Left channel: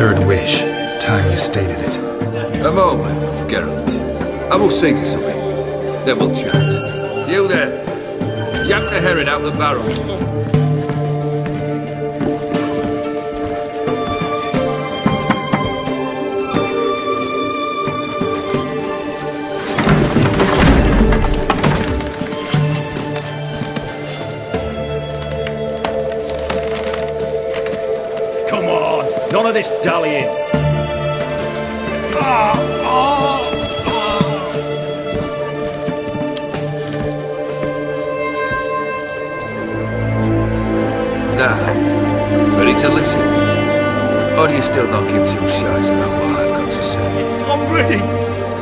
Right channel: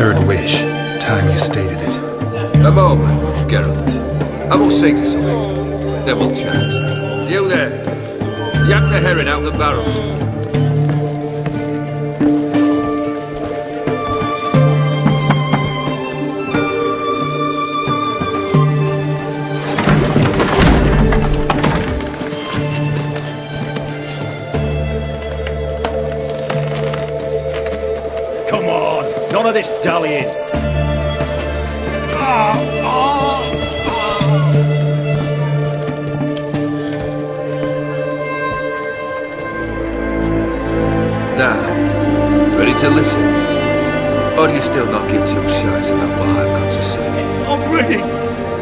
Third wish. Time you stated it. A moment, Geralt. I will see to something. Then we'll chat. You there! Yank the herring out the barrel. Come on! None of this dallying! Now, ready to listen? Or do you still not give two shites about what I've got to say? I'm ready!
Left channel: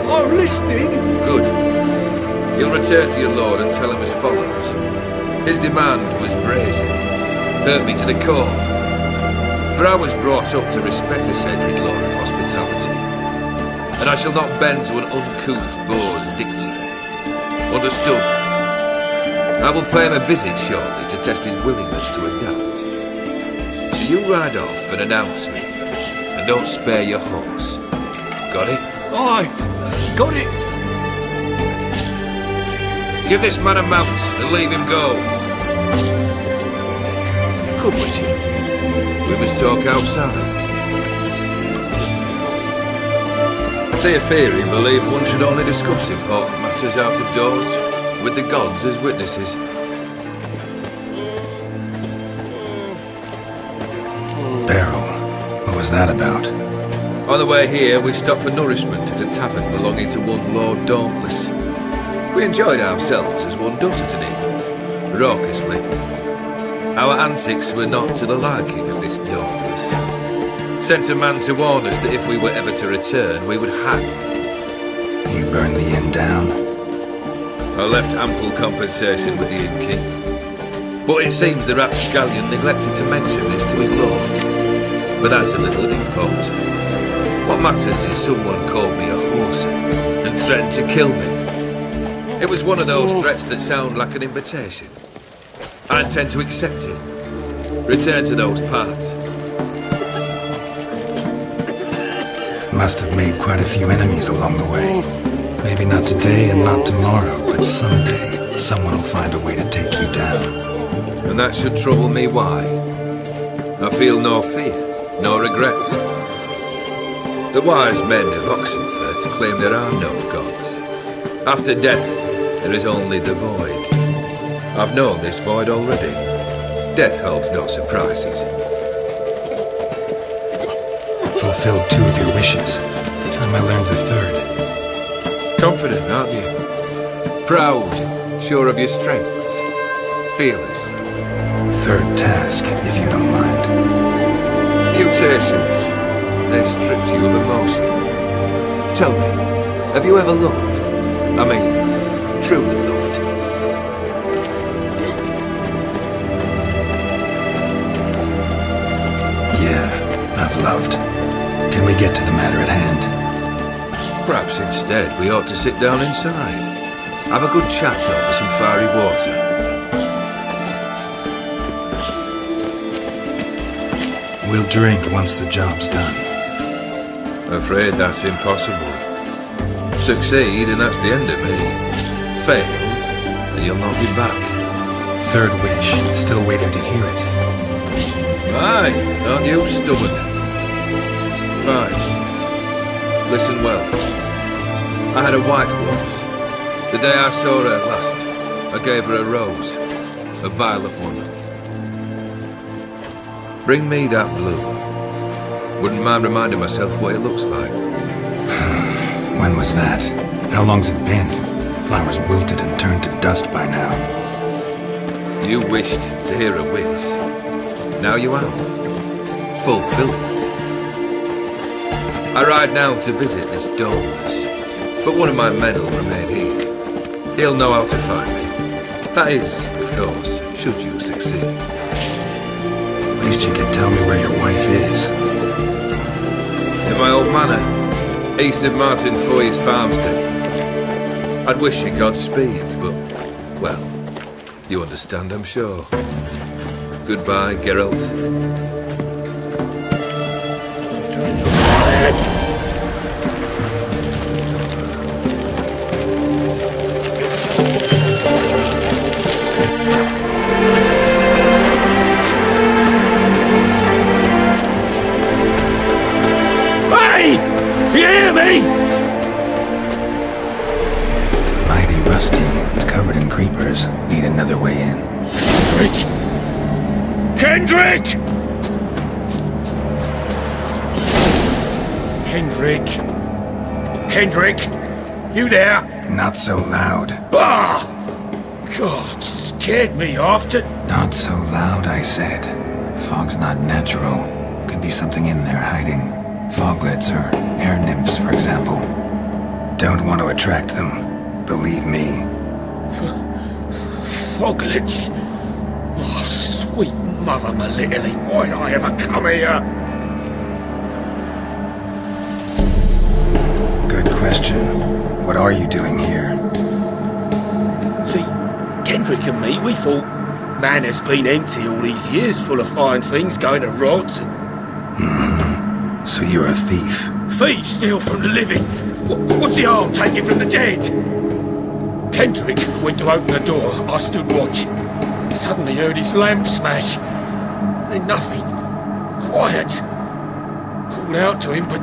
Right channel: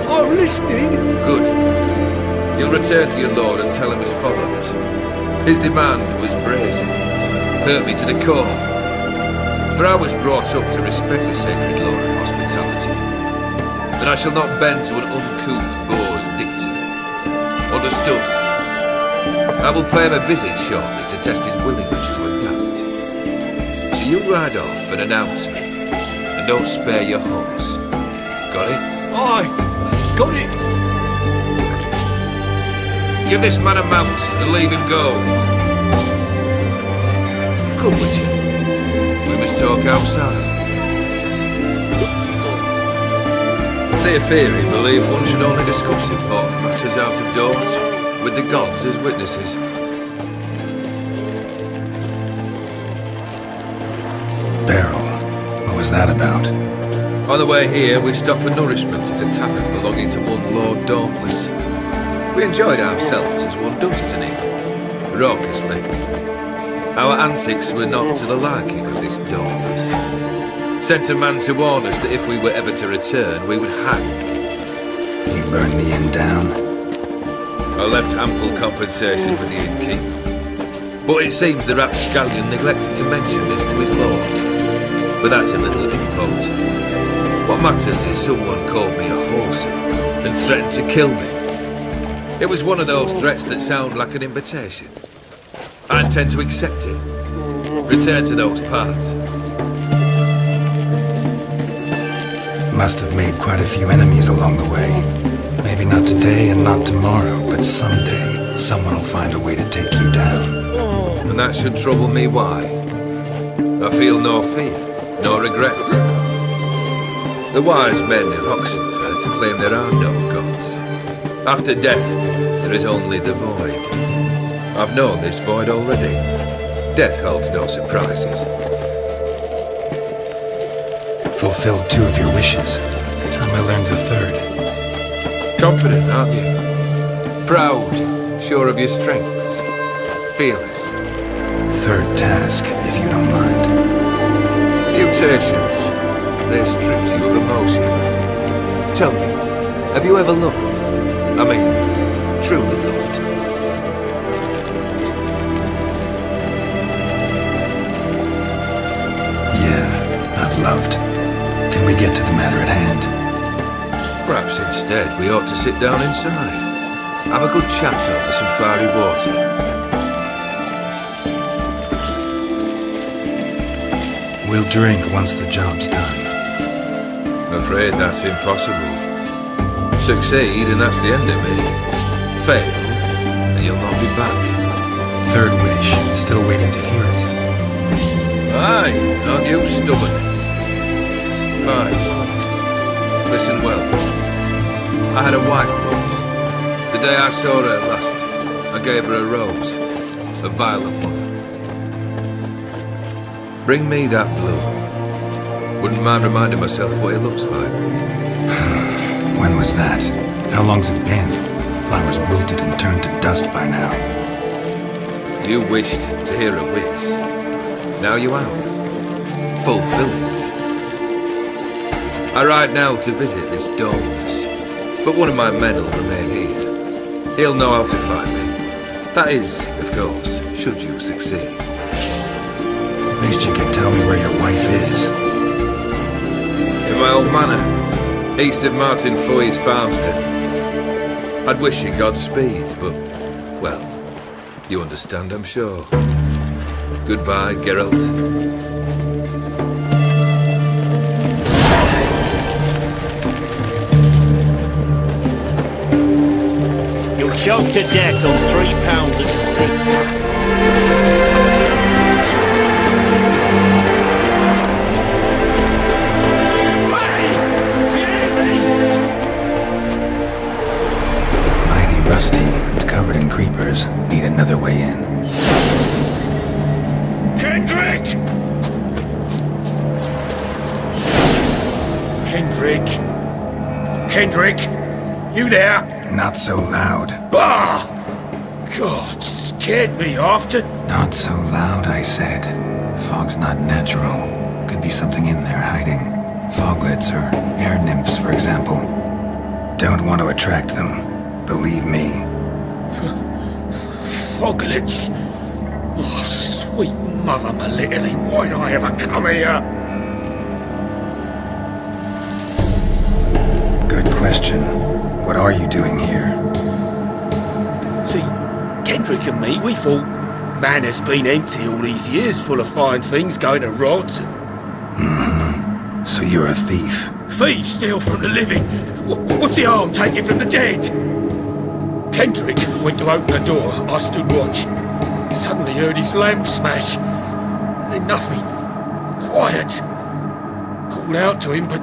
I'm listening! Good. You'll return to your lord and tell him as follows. His demand was brazen. Hurt me to the core. For I was brought up to respect the sacred law of hospitality. And I shall not bend to an uncouth boor's dictum. Understood? I will pay him a visit shortly to test his willingness to adapt. So you ride off and announce me, and don't spare your horse. Got it? Aye, got it! Give this man a mount and leave him go. Come with you. We must talk outside. Theopheri believe one should only discuss important matters out of doors, with the gods as witnesses. Barrel. What was that about? On the way here, we stopped for nourishment at a tavern belonging to one Lord Dauntless. We enjoyed ourselves as one does at an inn, raucously. Our antics were not to the liking of this Dauntless. Sent a man to warn us that if we were ever to return, we would hang. You burned the inn down? I left ample compensation with the innkeep. But it seems the rapscallion neglected to mention this to his lord. But that's of little import. What matters is someone called me a horsey and threatened to kill me. It was one of those threats that sound like an invitation. I intend to accept it. Return to those parts. Must have made quite a few enemies along the way. Maybe not today and not tomorrow, but someday, someone will find a way to take you down. And that should trouble me why? I feel no fear, no regret. The wise men of Oxenfurt claim there are no gods. After death, there is only the void. I've known this void already. Death holds no surprises. Fulfilled 2 of your wishes. Time I learned the 3rd. Confident, aren't you? Proud, sure of your strengths. Fearless. 3rd task, if you don't mind. Mutations. They stripped you of emotion. Tell me, have you ever loved? I mean, truly loved? Yeah, I've loved. Can we get to the matter at hand? Perhaps instead we ought to sit down inside. Have a good chat over some fiery water. We'll drink once the job's done. Afraid that's impossible. Succeed and that's the end of me. Fail and you'll not be back. 3rd wish. Still waiting to hear it. Aye, aren't you stubborn? Fine. Listen well. I had a wife once. The day I saw her last, I gave her a rose. A violet one. Bring me that blue. Wouldn't mind reminding myself what it looks like. When was that? How long's it been? Flowers wilted and turned to dust by now. You wished to hear a wish. Now you have. Fulfill it. I ride now to visit this Dauntless, but one of my men will remain here. He'll know how to find me. That is, of course, should you succeed. At least you could tell me where your wife is. In my old manor, east of Martin Foy's farmstead. I'd wish you Godspeed, but, well, you understand, I'm sure. Goodbye, Geralt. bastard! You'll choke to death on 3 pounds of steel. Hey! Do you hear me? Mighty rusty and covered in creepers. Need another way in. Kendrick! Kendrick? Kendrick? You there? Not so loud. Ah! God, scared me after. Not so loud, I said. Fog's not natural. Could be something in there hiding. Foglets or air nymphs, for example. Don't want to attract them. Believe me. Foglets? Oh, sweet mother Melitterly, why'd I ever come here? Good question. What are you doing here? See, Kendrick and me, we thought Manor's been empty all these years, full of fine things going to rot. So you're a thief? Thieves steal from the living. What's the harm taking from the dead? Kendrick went to open the door. I stood watch. Suddenly heard his lamp smash. Then nothing. Quiet. Called out to him, but...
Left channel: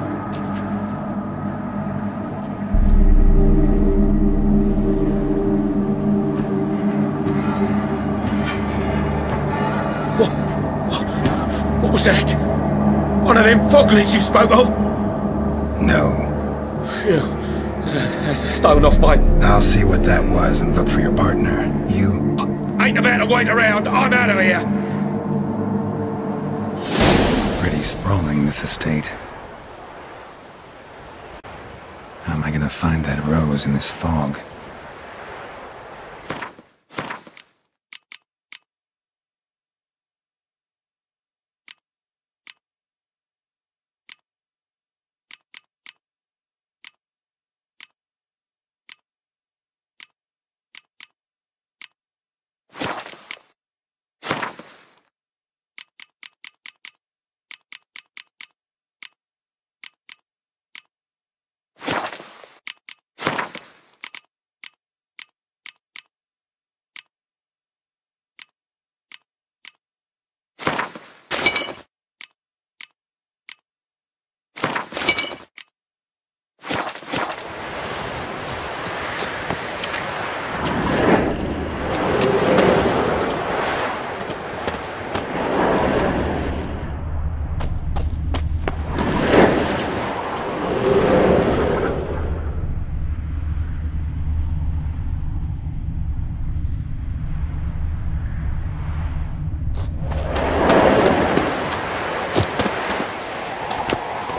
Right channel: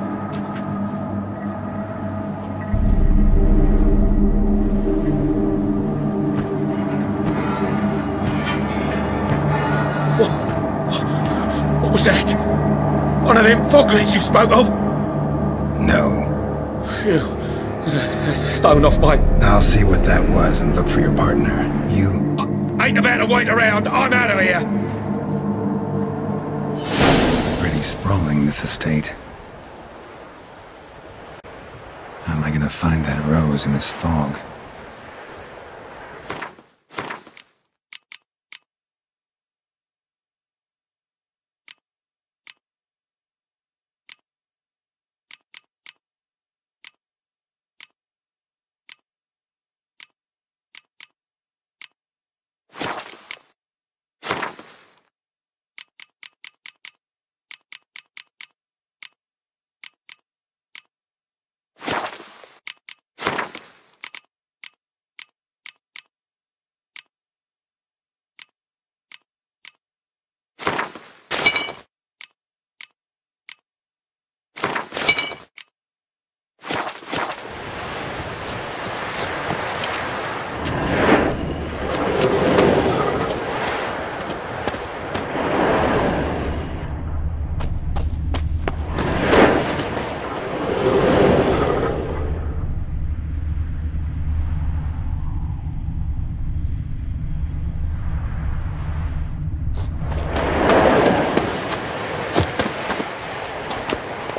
What was that? One of them foglets you spoke of? No. Phew. That's a stone off my... I'll see what that was and look for your partner. You... Ain't about to wait around. I'm out of here. Pretty sprawling, this estate. How am I gonna find that rose in this fog?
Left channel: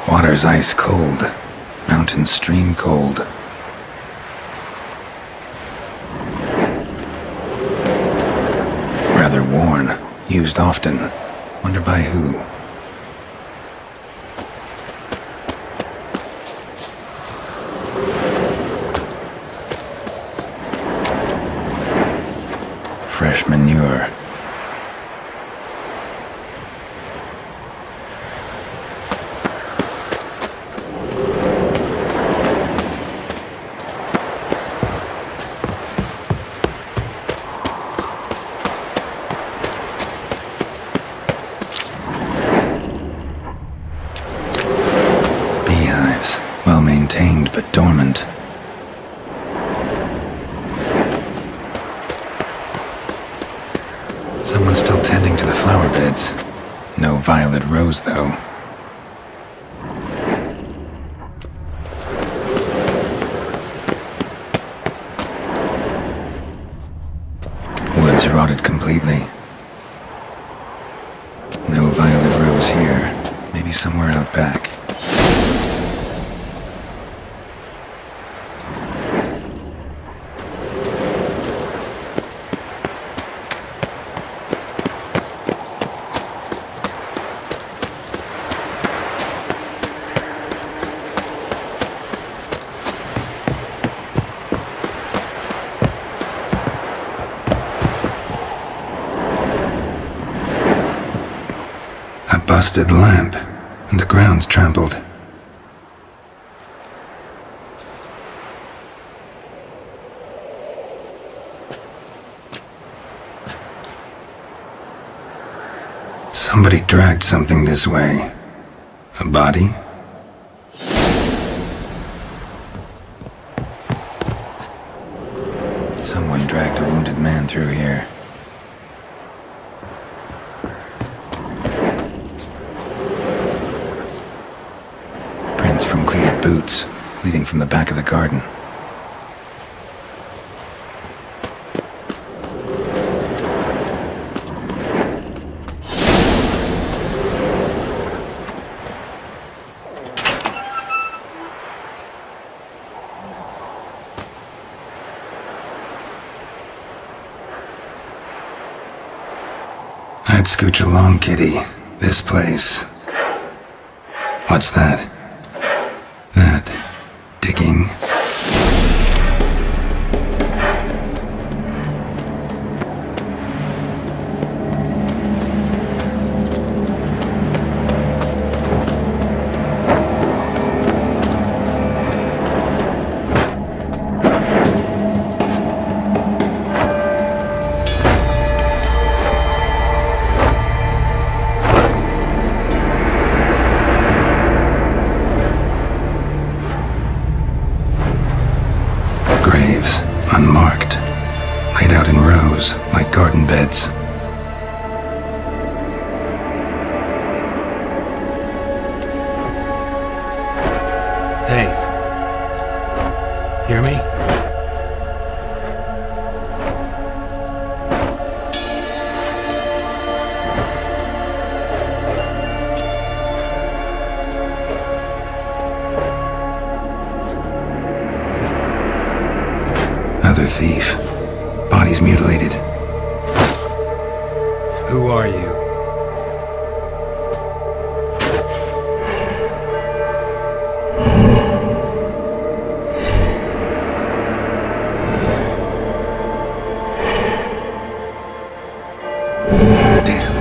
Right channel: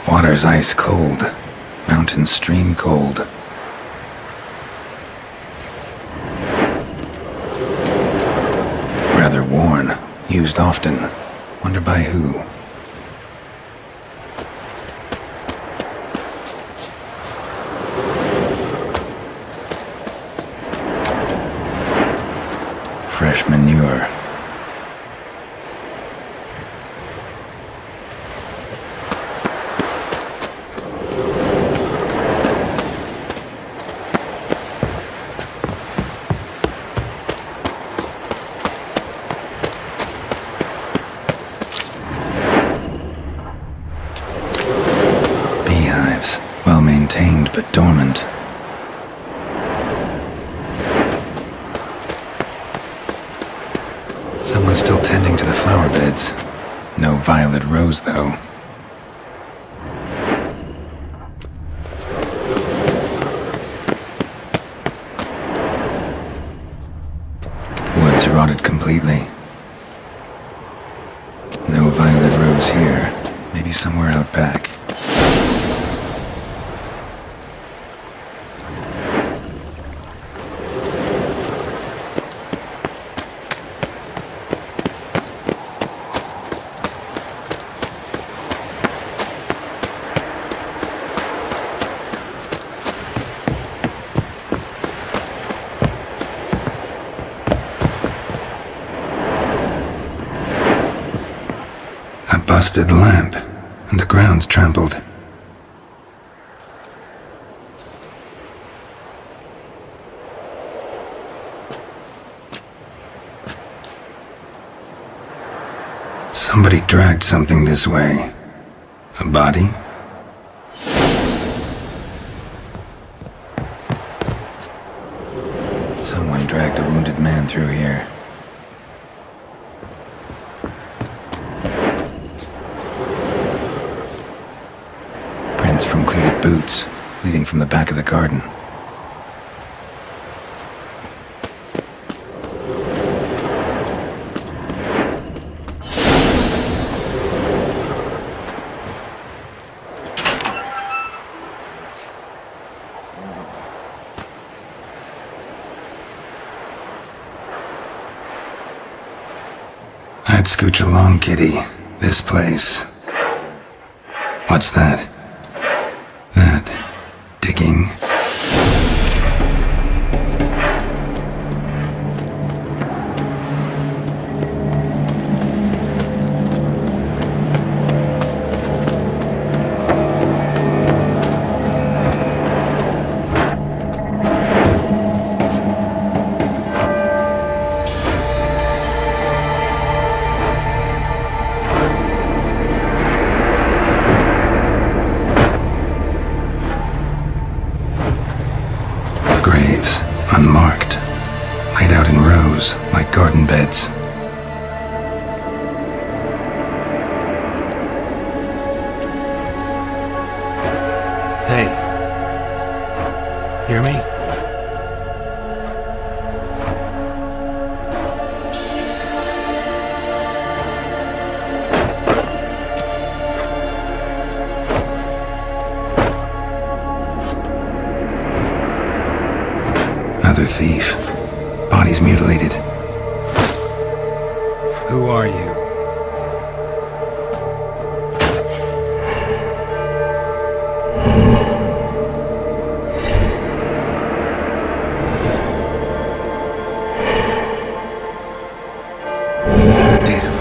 Water's ice cold. Mountain stream cold. Rather worn. Used often. Wonder by who? Fresh manure. Beehives, well maintained but dormant. Someone's still tending to the flower beds. No violet rose, though. Woods rotted completely. No violet rose here. Maybe somewhere out back. A busted lamp, and the ground's trampled. Somebody dragged something this way. A body? Someone dragged a wounded man through here. Prints from cleated boots, leading from the back of the garden. I'd scooch along, kitty. This place. What's that? That digging? Graves, unmarked, laid out in rows like garden beds. Hey. Hear me? Another thief. Bodies mutilated. Who are you? Damn.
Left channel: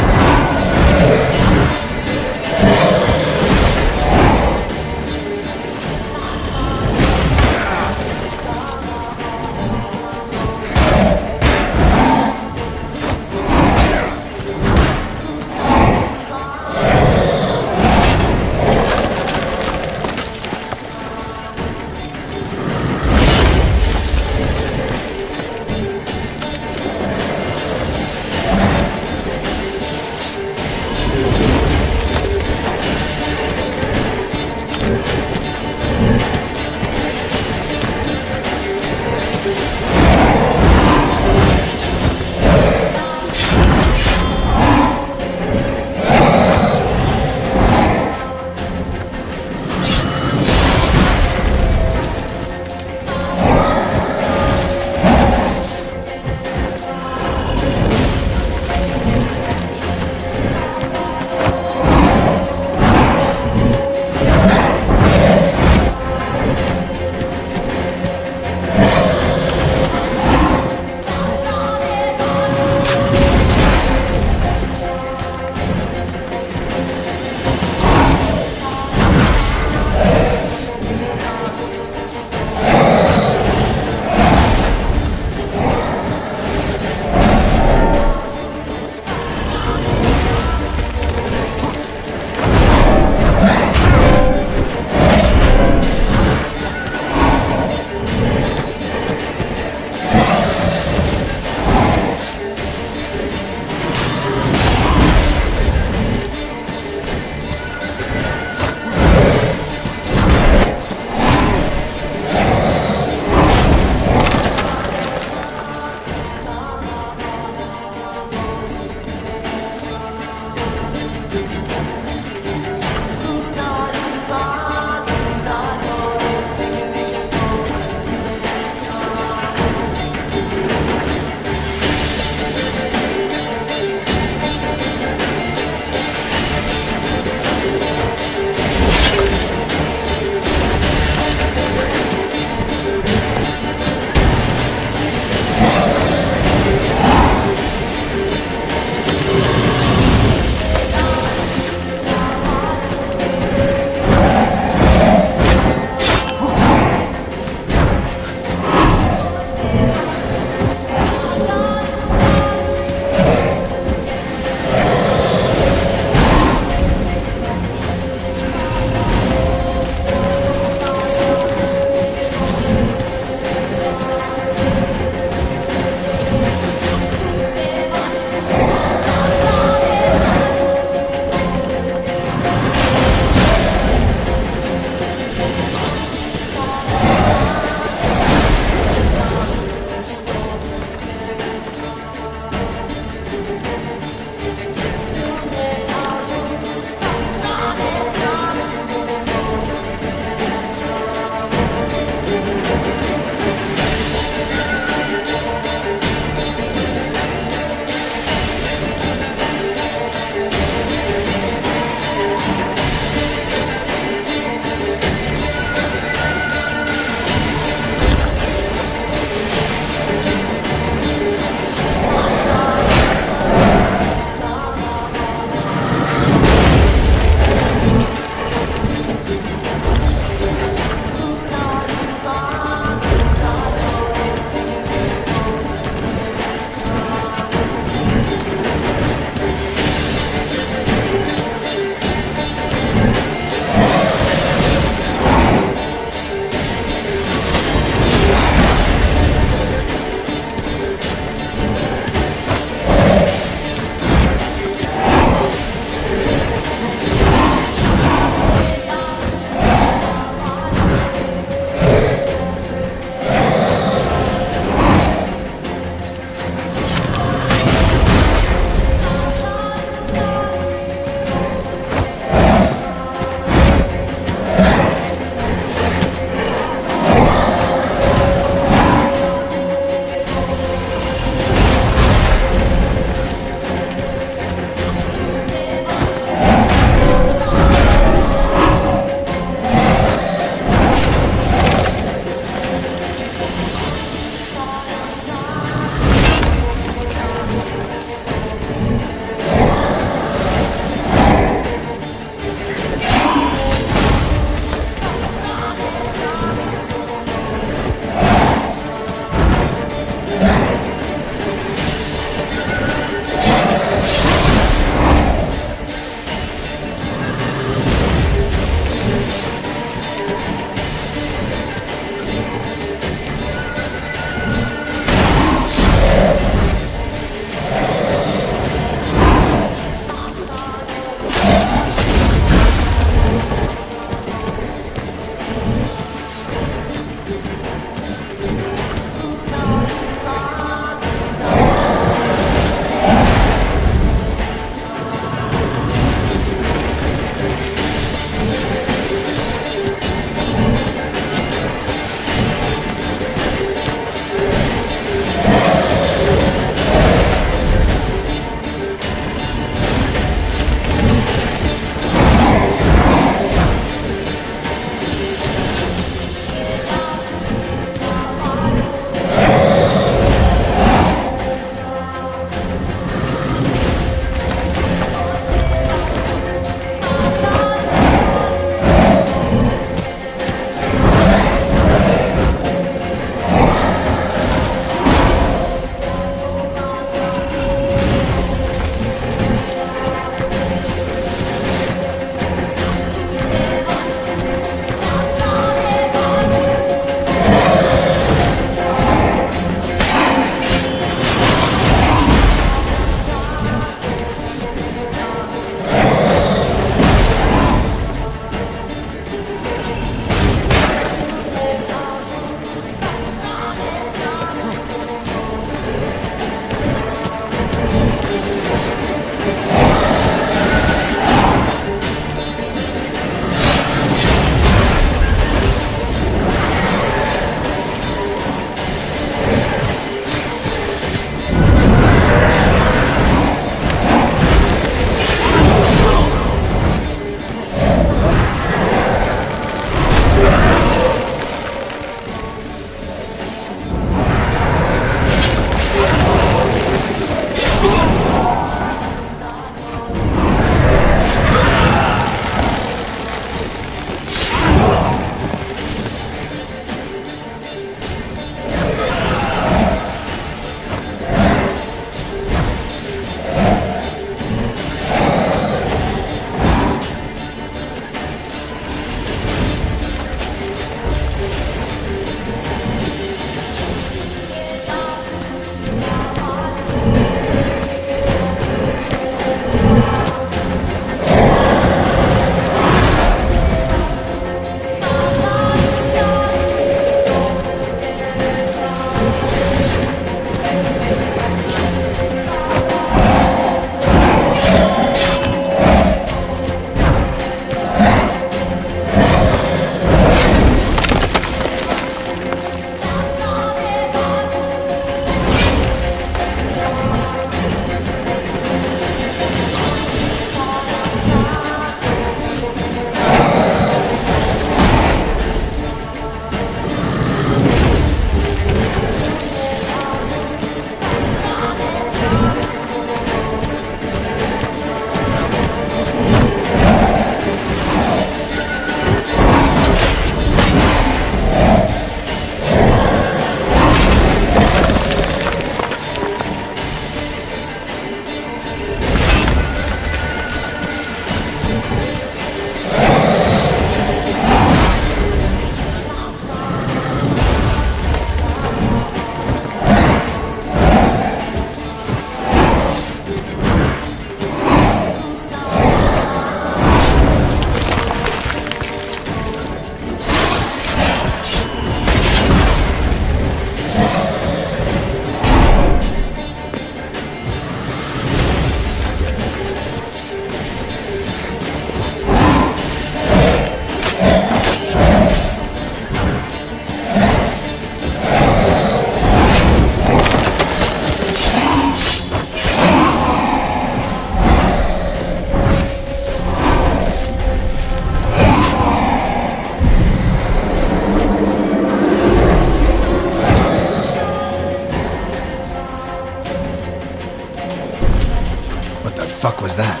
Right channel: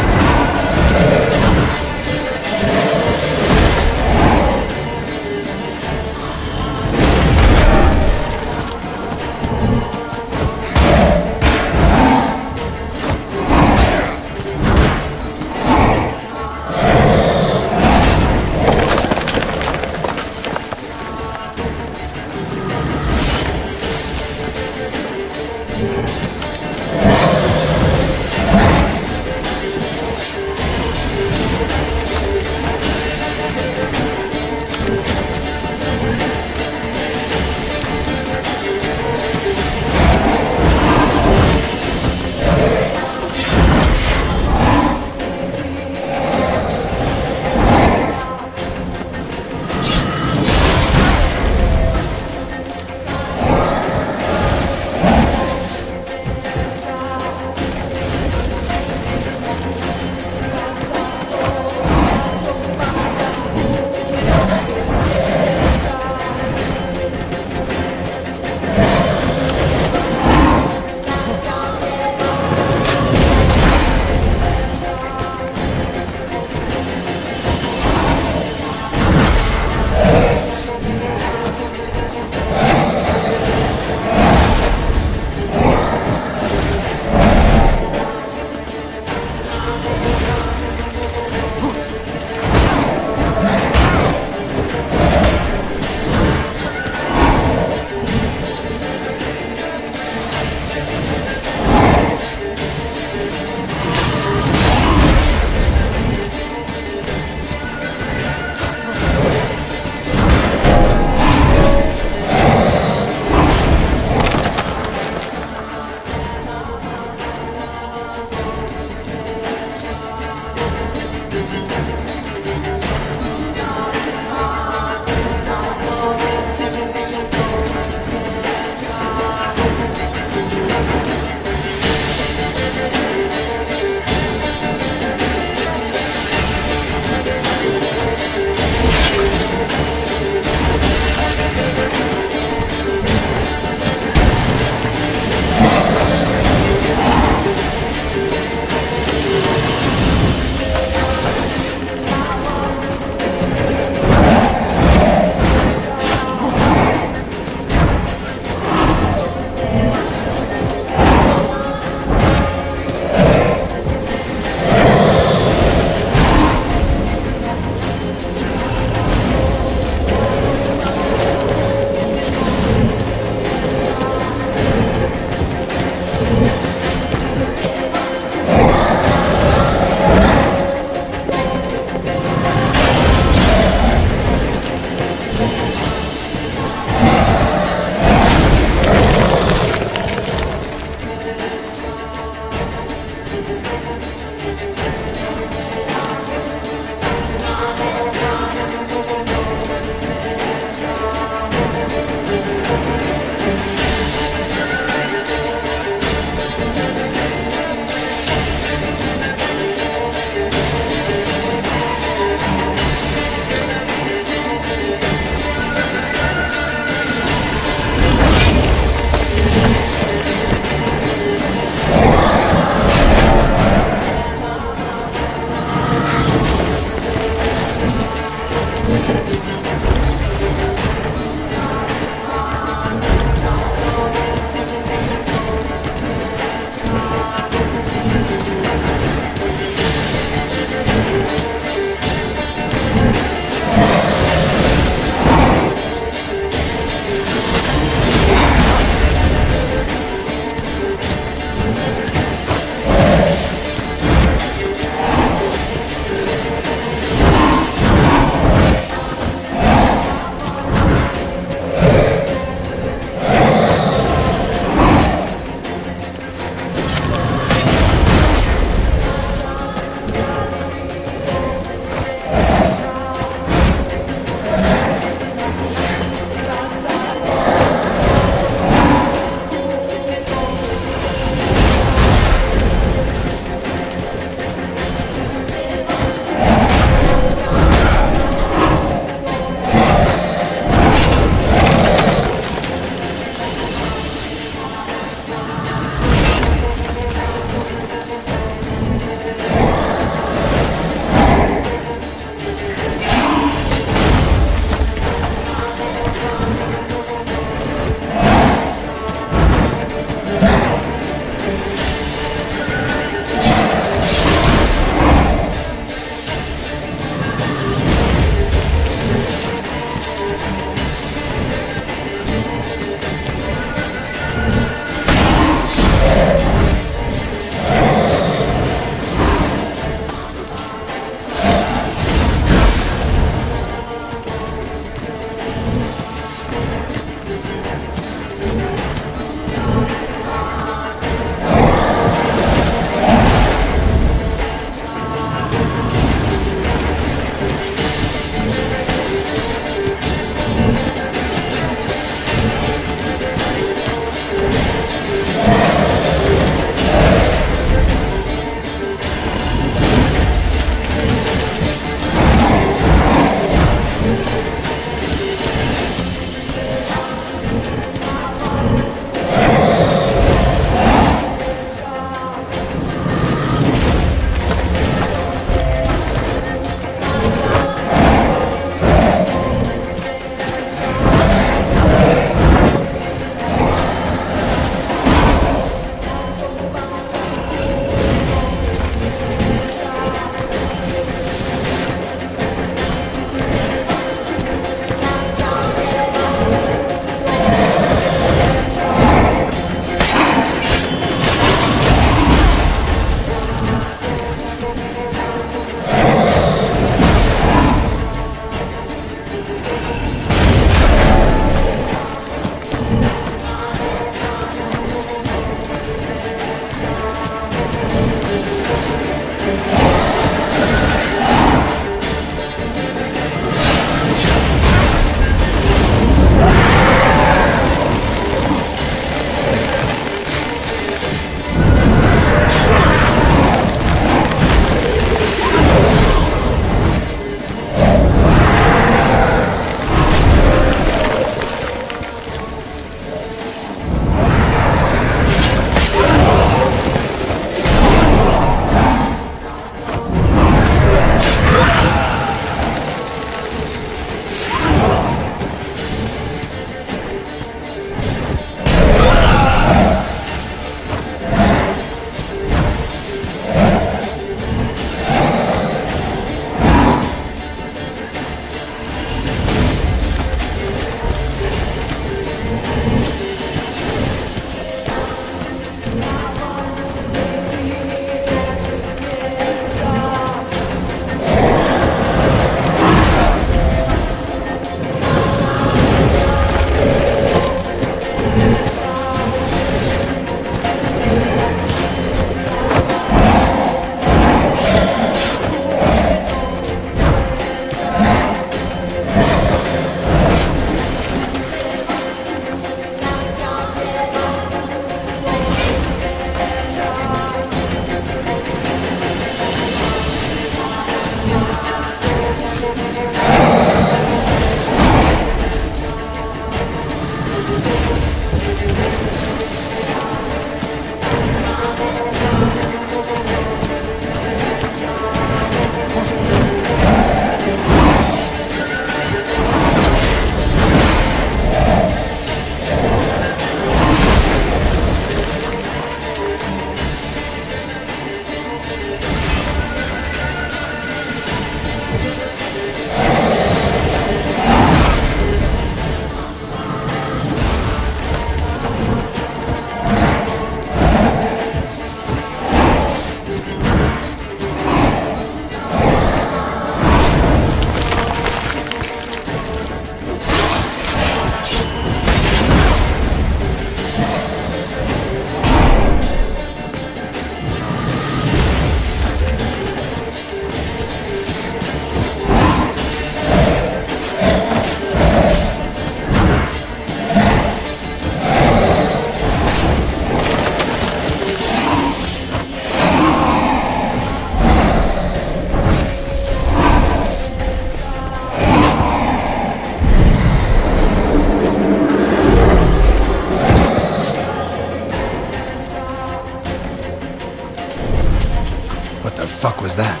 was that?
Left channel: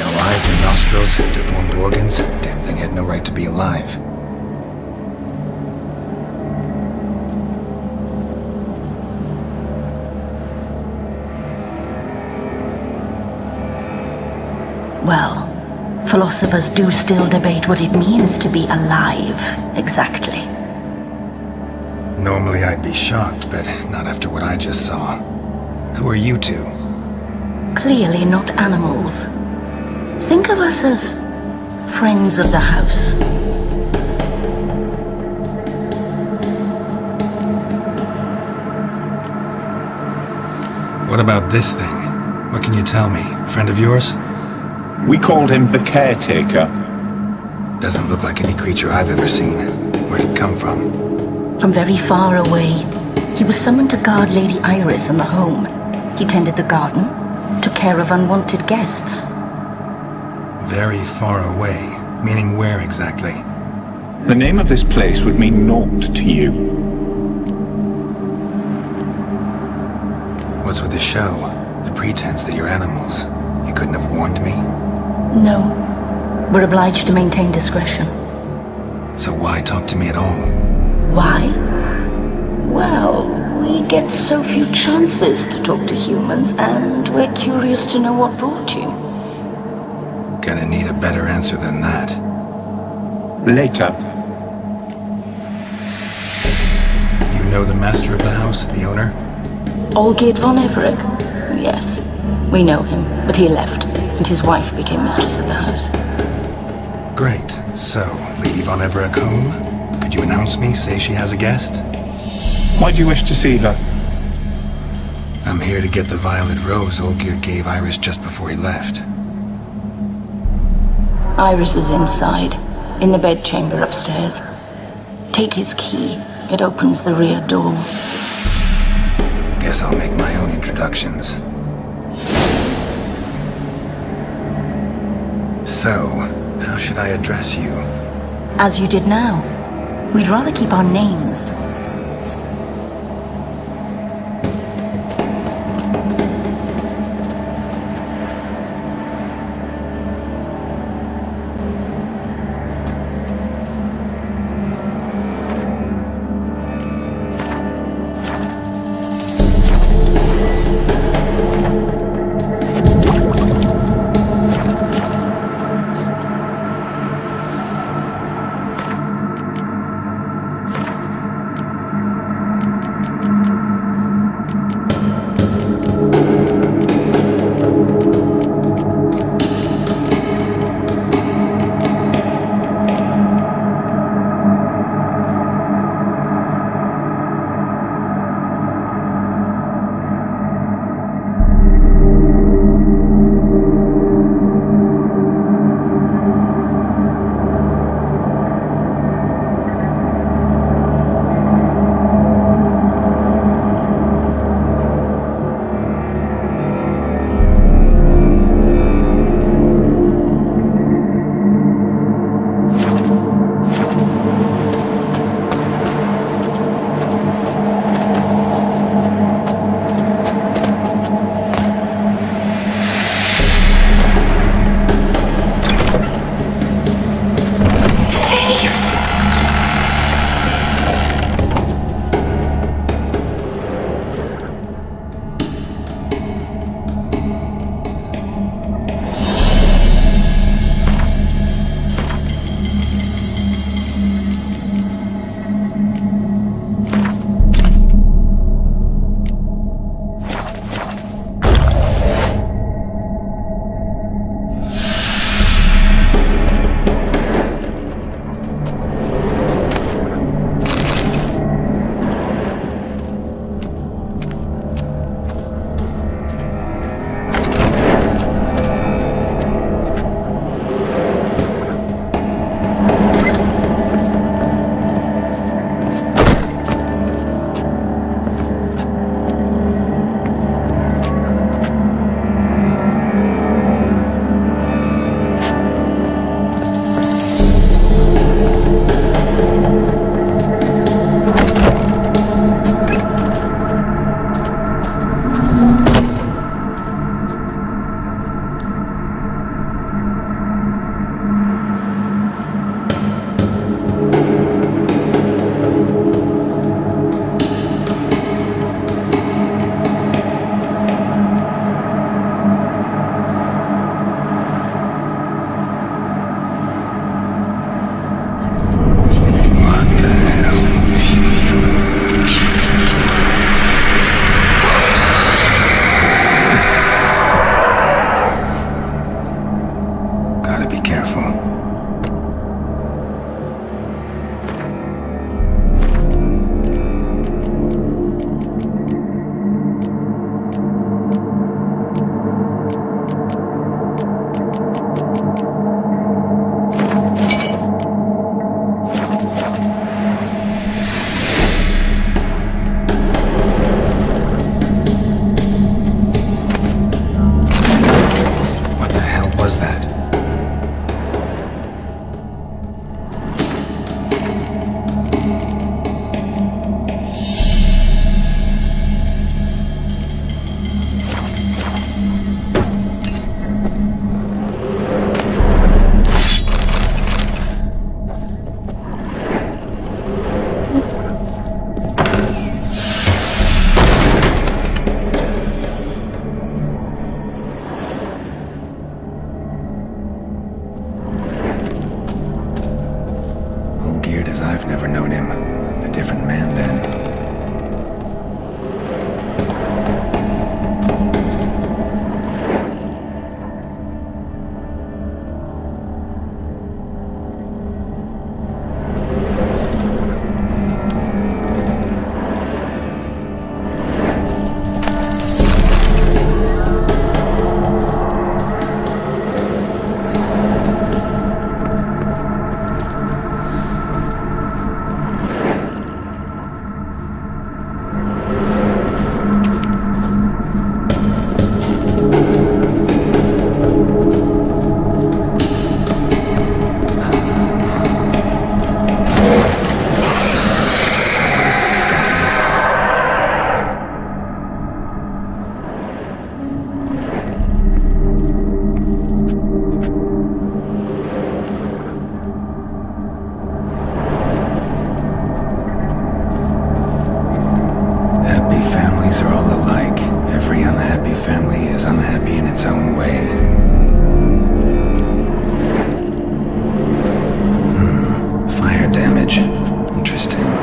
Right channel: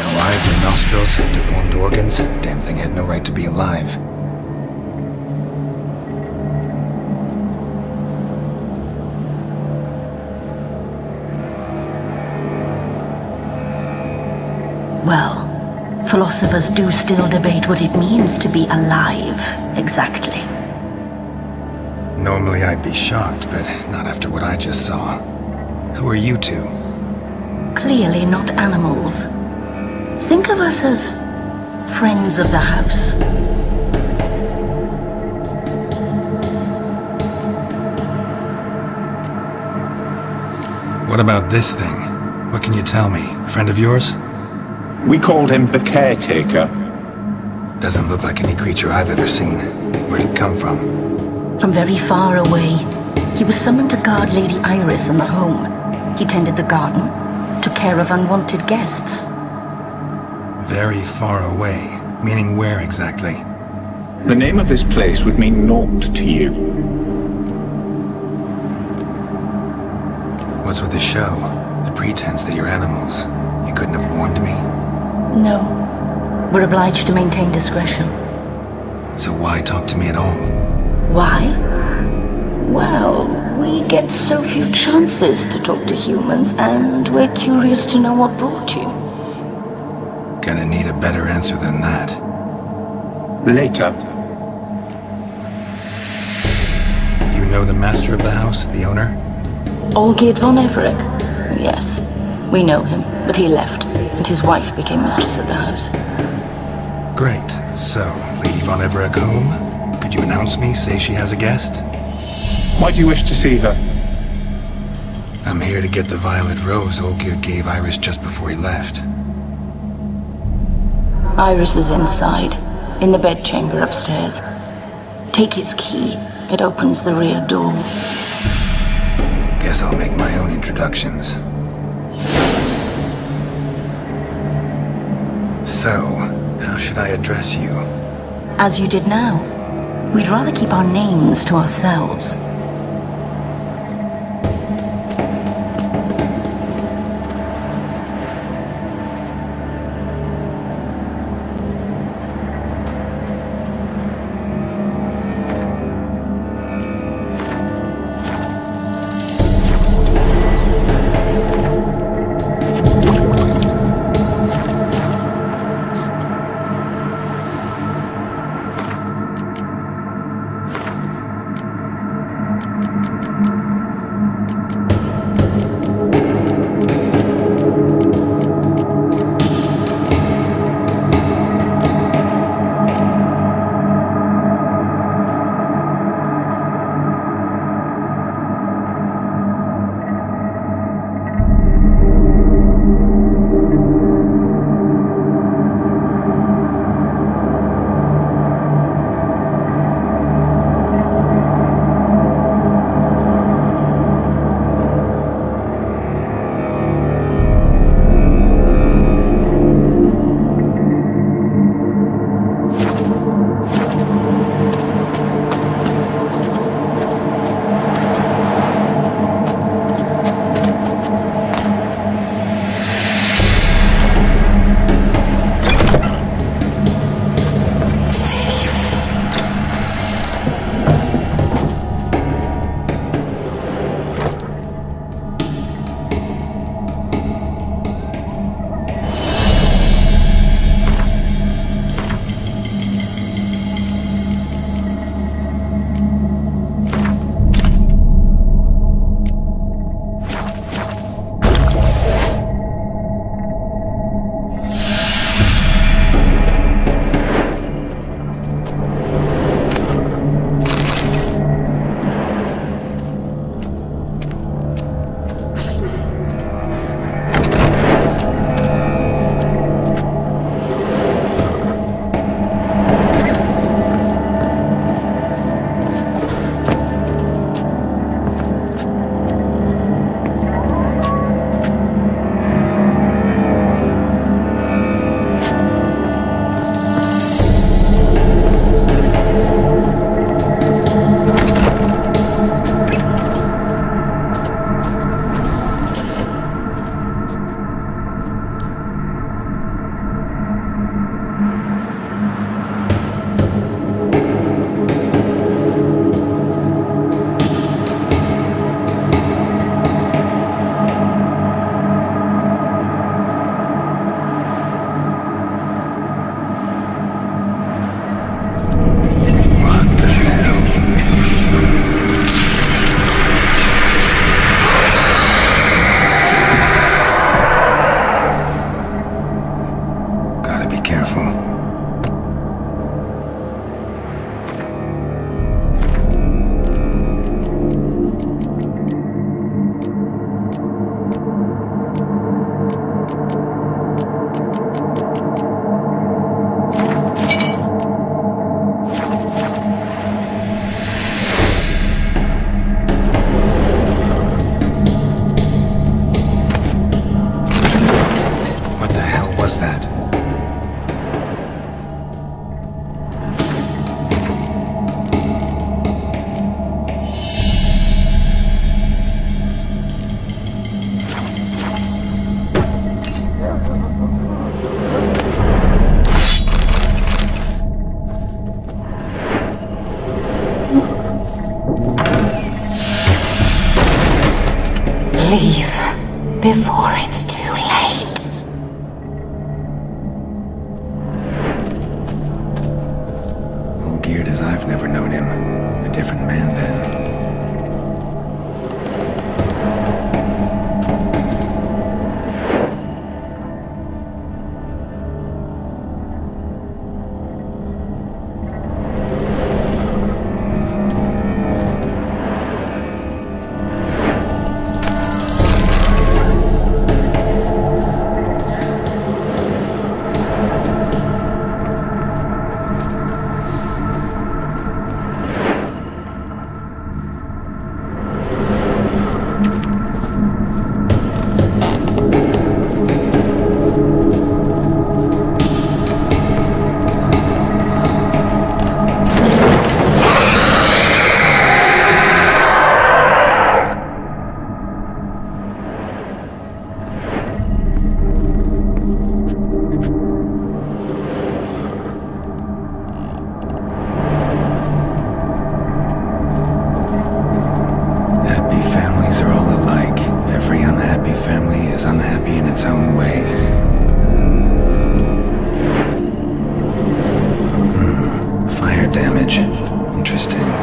No eyes or nostrils, deformed organs. Damn thing had no right to be alive. Well, philosophers do still debate what it means to be alive, exactly. Normally I'd be shocked, but not after what I just saw. Who are you two? Clearly not animals. Think of us as friends of the house. What about this thing? What can you tell me? Friend of yours? We called him the Caretaker. Doesn't look like any creature I've ever seen. Where'd it come from? From very far away. He was summoned to guard Lady Iris in the home. He tended the garden, took care of unwanted guests. Very far away. Meaning where exactly? The name of this place would mean naught to you. What's with the show? The pretense that you're animals. You couldn't have warned me? No. We're obliged to maintain discretion. So why talk to me at all? Why? Well, we get so few chances to talk to humans, and we're curious to know what brought you. Gonna need a better answer than that. Later. You know the master of the house, the owner? Olgierd von Everic? Yes. We know him, but he left, and his wife became mistress of the house. Great. So, Lady von Everic home? Could you announce me, say she has a guest? Why do you wish to see her? I'm here to get the violet rose Olgierd gave Iris just before he left. Iris is inside, in the bedchamber upstairs. Take his key. It opens the rear door. Guess I'll make my own introductions. So, how should I address you? As you did now. We'd rather keep our names to ourselves. Gotta be careful. What the hell was that? Leave before it's too late. All geared as I've never known him. A different man then. Happy families are all alike. Every unhappy family is unhappy in its own way. Fire damage. Interesting.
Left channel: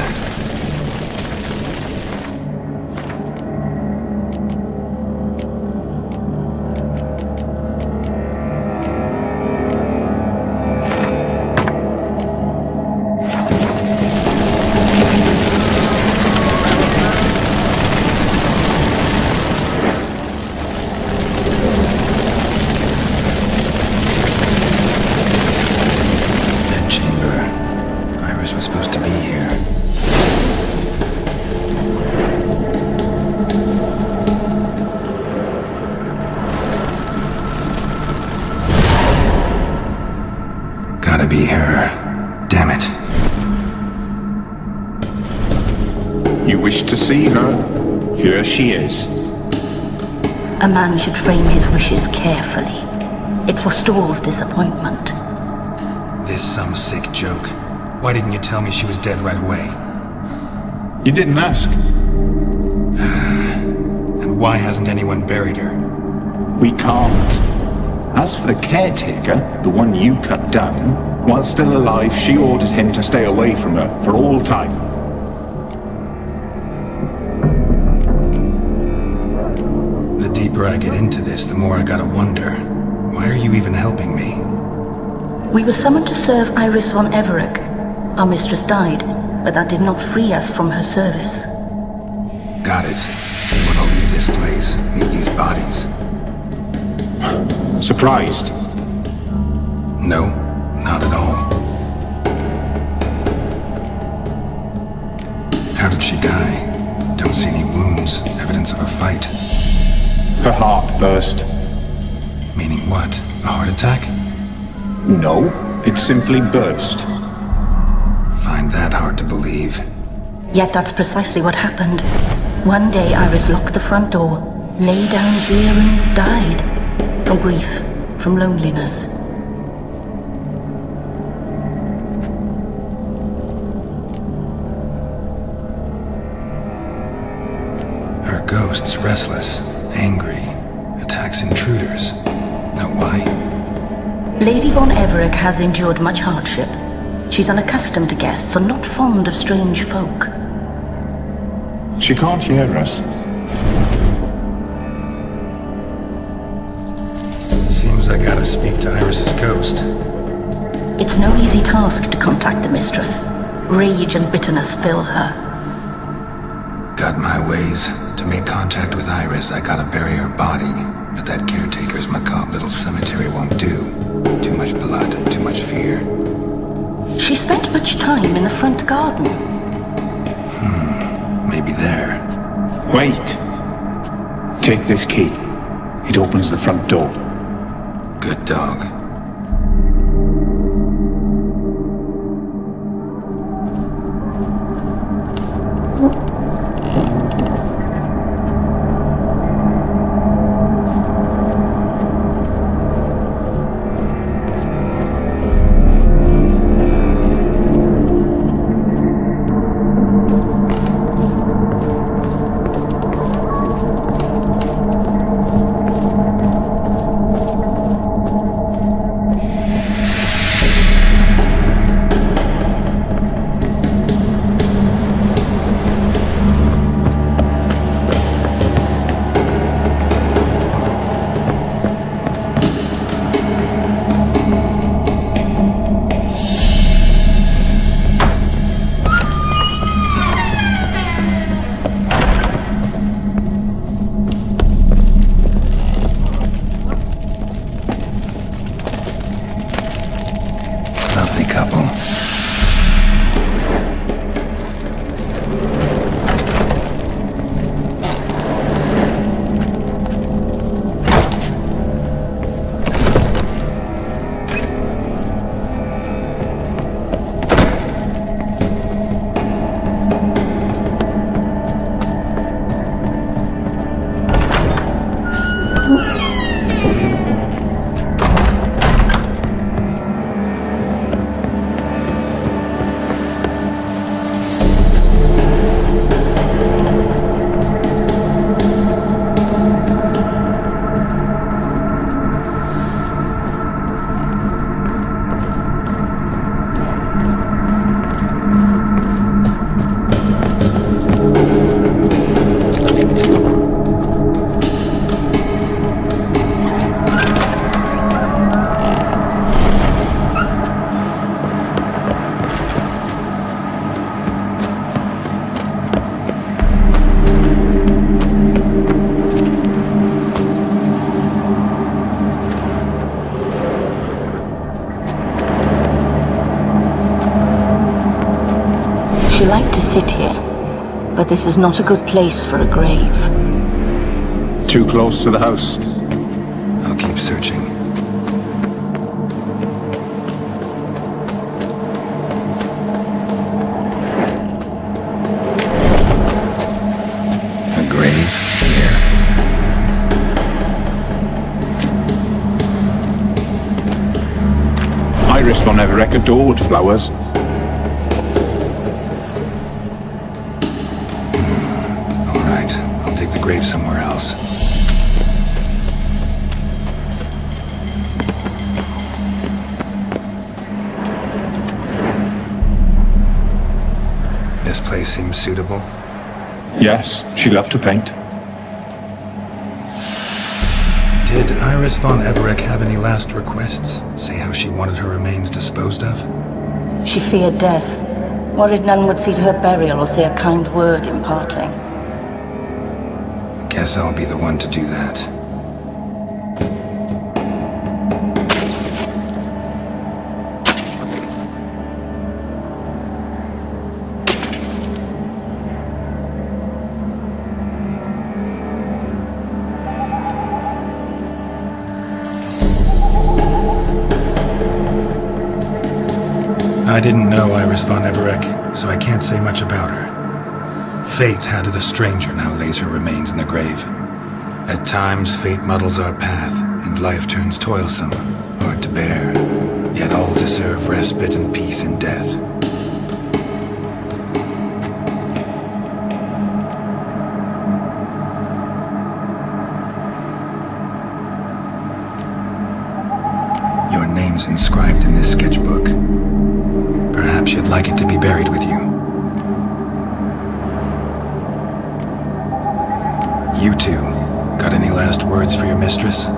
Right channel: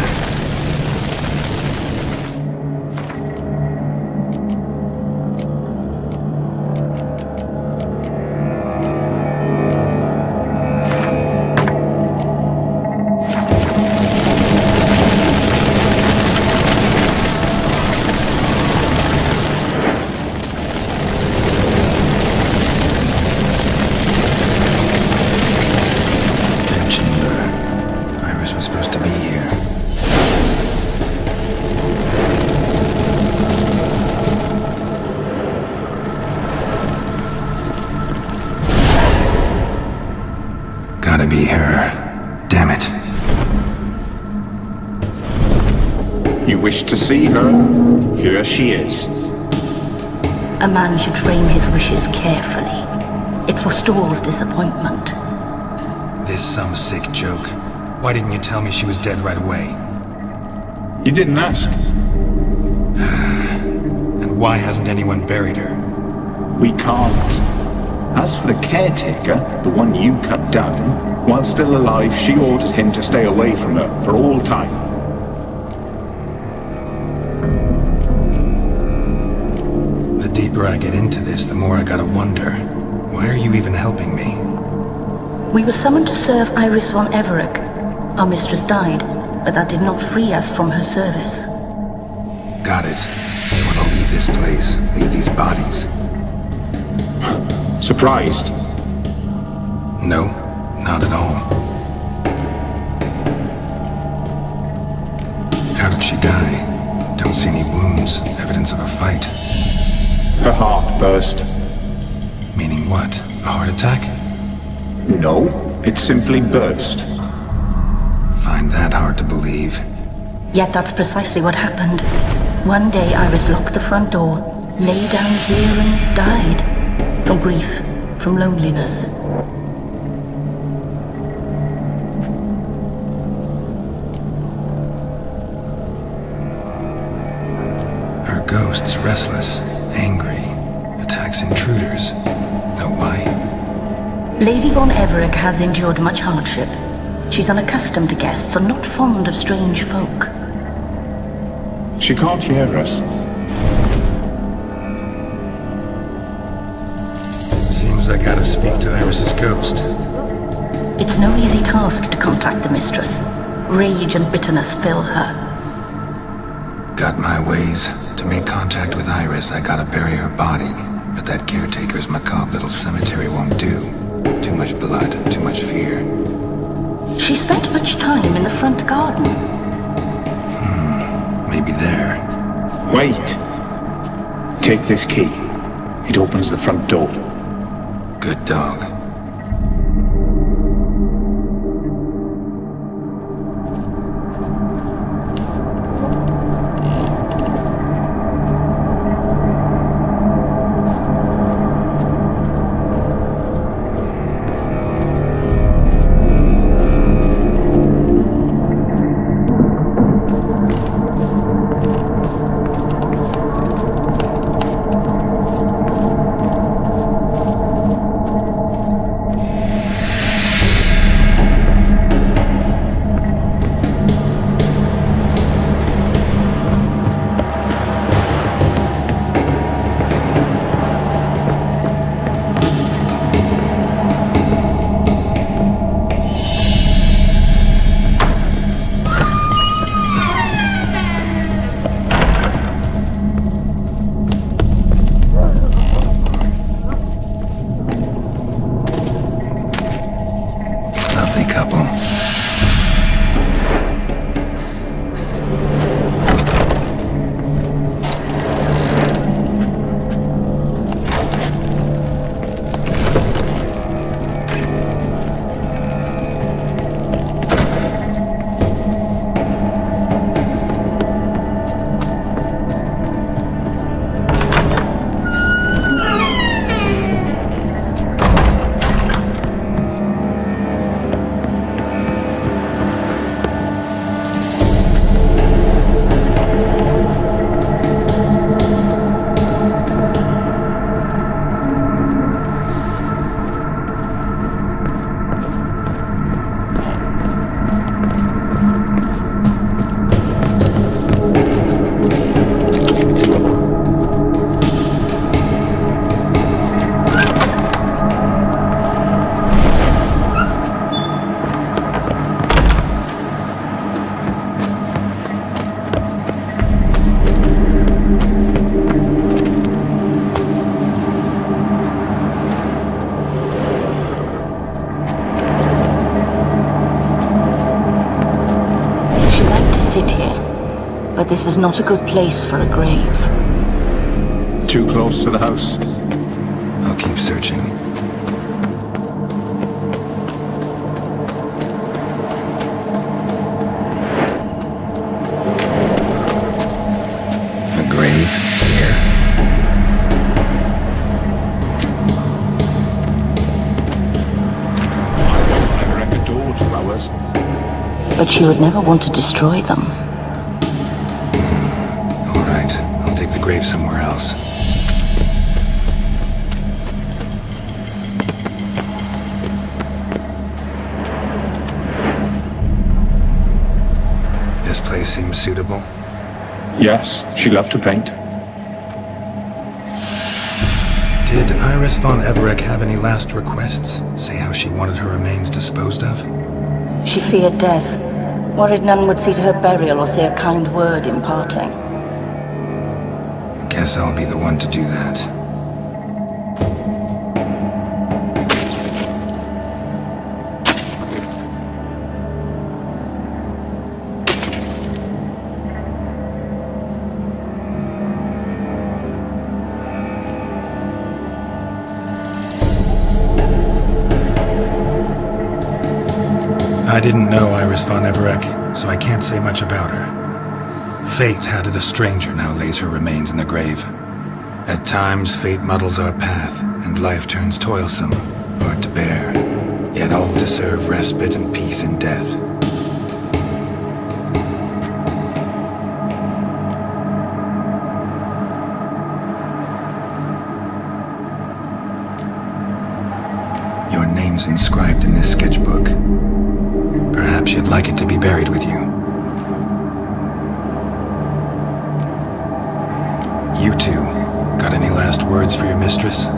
that. Chamber. Iris was supposed to be here. Gotta be her. Damn it. You wish to see her? Here she is. A man should frame his wishes carefully. It forestalls disappointment. This some sick joke. Why didn't you tell me she was dead right away? You didn't ask. And why hasn't anyone buried her? We can't. As for the caretaker, the one you cut down, while still alive, she ordered him to stay away from her for all time. The deeper I get into this, the more I gotta wonder. Why are you even helping me? We were summoned to serve Iris von Everic. Our mistress died, but that did not free us from her service. Got it. You want to leave this place, leave these bodies? Surprised? No, not at all. How did she die? Don't see any wounds, evidence of a fight. Her heart burst. Meaning what? A heart attack? No, it simply burst. Find that hard to believe. Yet that's precisely what happened. One day Iris locked the front door, lay down here and died. From grief, from loneliness. Her ghost's restless, angry, attacks intruders. Know why? Lady von Everic has endured much hardship. She's unaccustomed to guests and not fond of strange folk. She can't hear us. Seems I gotta speak to Iris's ghost. It's no easy task to contact the mistress. Rage and bitterness fill her. Got my ways. To make contact with Iris, I gotta bury her body. But that caretaker's macabre little cemetery won't do. Too much blood, too much fear. She spent much time in the front garden. Maybe there. Wait. Take this key. It opens the front door. Good dog. like to sit here, but this is not a good place for a grave. Too close to the house. I'll keep searching. A grave here? Iris von Everec adored flowers. But she would never want to destroy them. All right, I'll dig the grave somewhere else. This place seems suitable. Yes, she loved to paint. Did Iris von Everec have any last requests? Say how she wanted her remains disposed of? She feared death, worried none would see to her burial or say a kind word in parting. Guess I'll be the one to do that. I didn't know Iris von Everec, so I can't say much about her. Fate had it a stranger now lays her remains in the grave. At times, fate muddles our path, and life turns toilsome, hard to bear, yet all deserve respite and peace in death. Your name's inscribed in this sketchbook. Perhaps you'd like it to be buried with you. You two, got any last words for your mistress?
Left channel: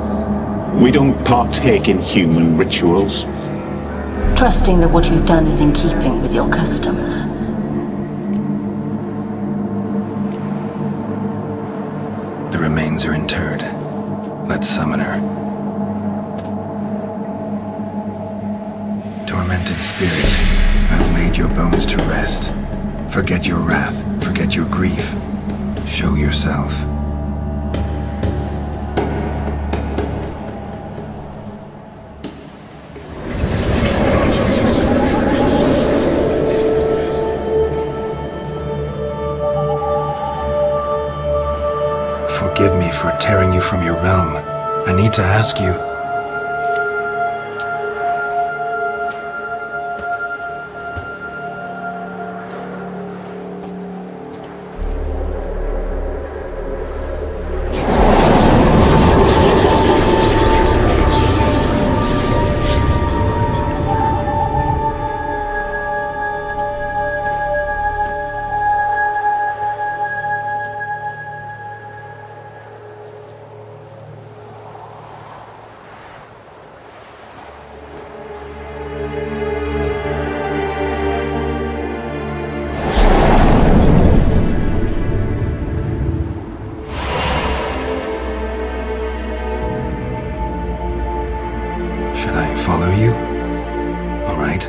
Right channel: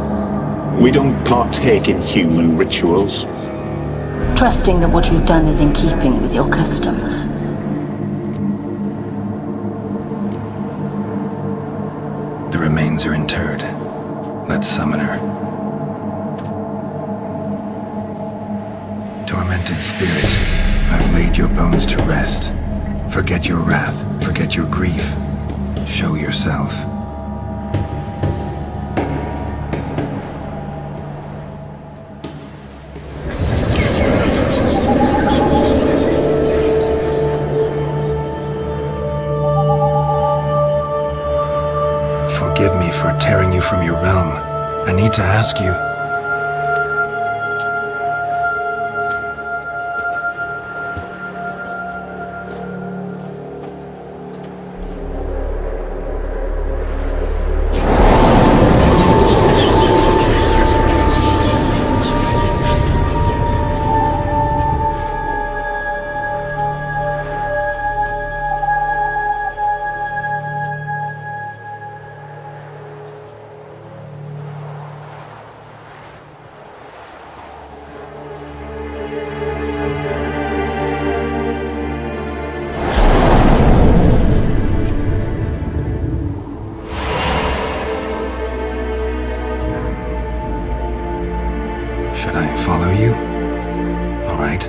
We don't partake in human rituals. Trusting that what you've done is in keeping with your customs. The remains are interred. Let's summon her. Tormented spirit, I've laid your bones to rest. Forget your wrath, forget your grief. Show yourself. Forgive me for tearing you from your realm. I need to ask you. Should I follow you? All right.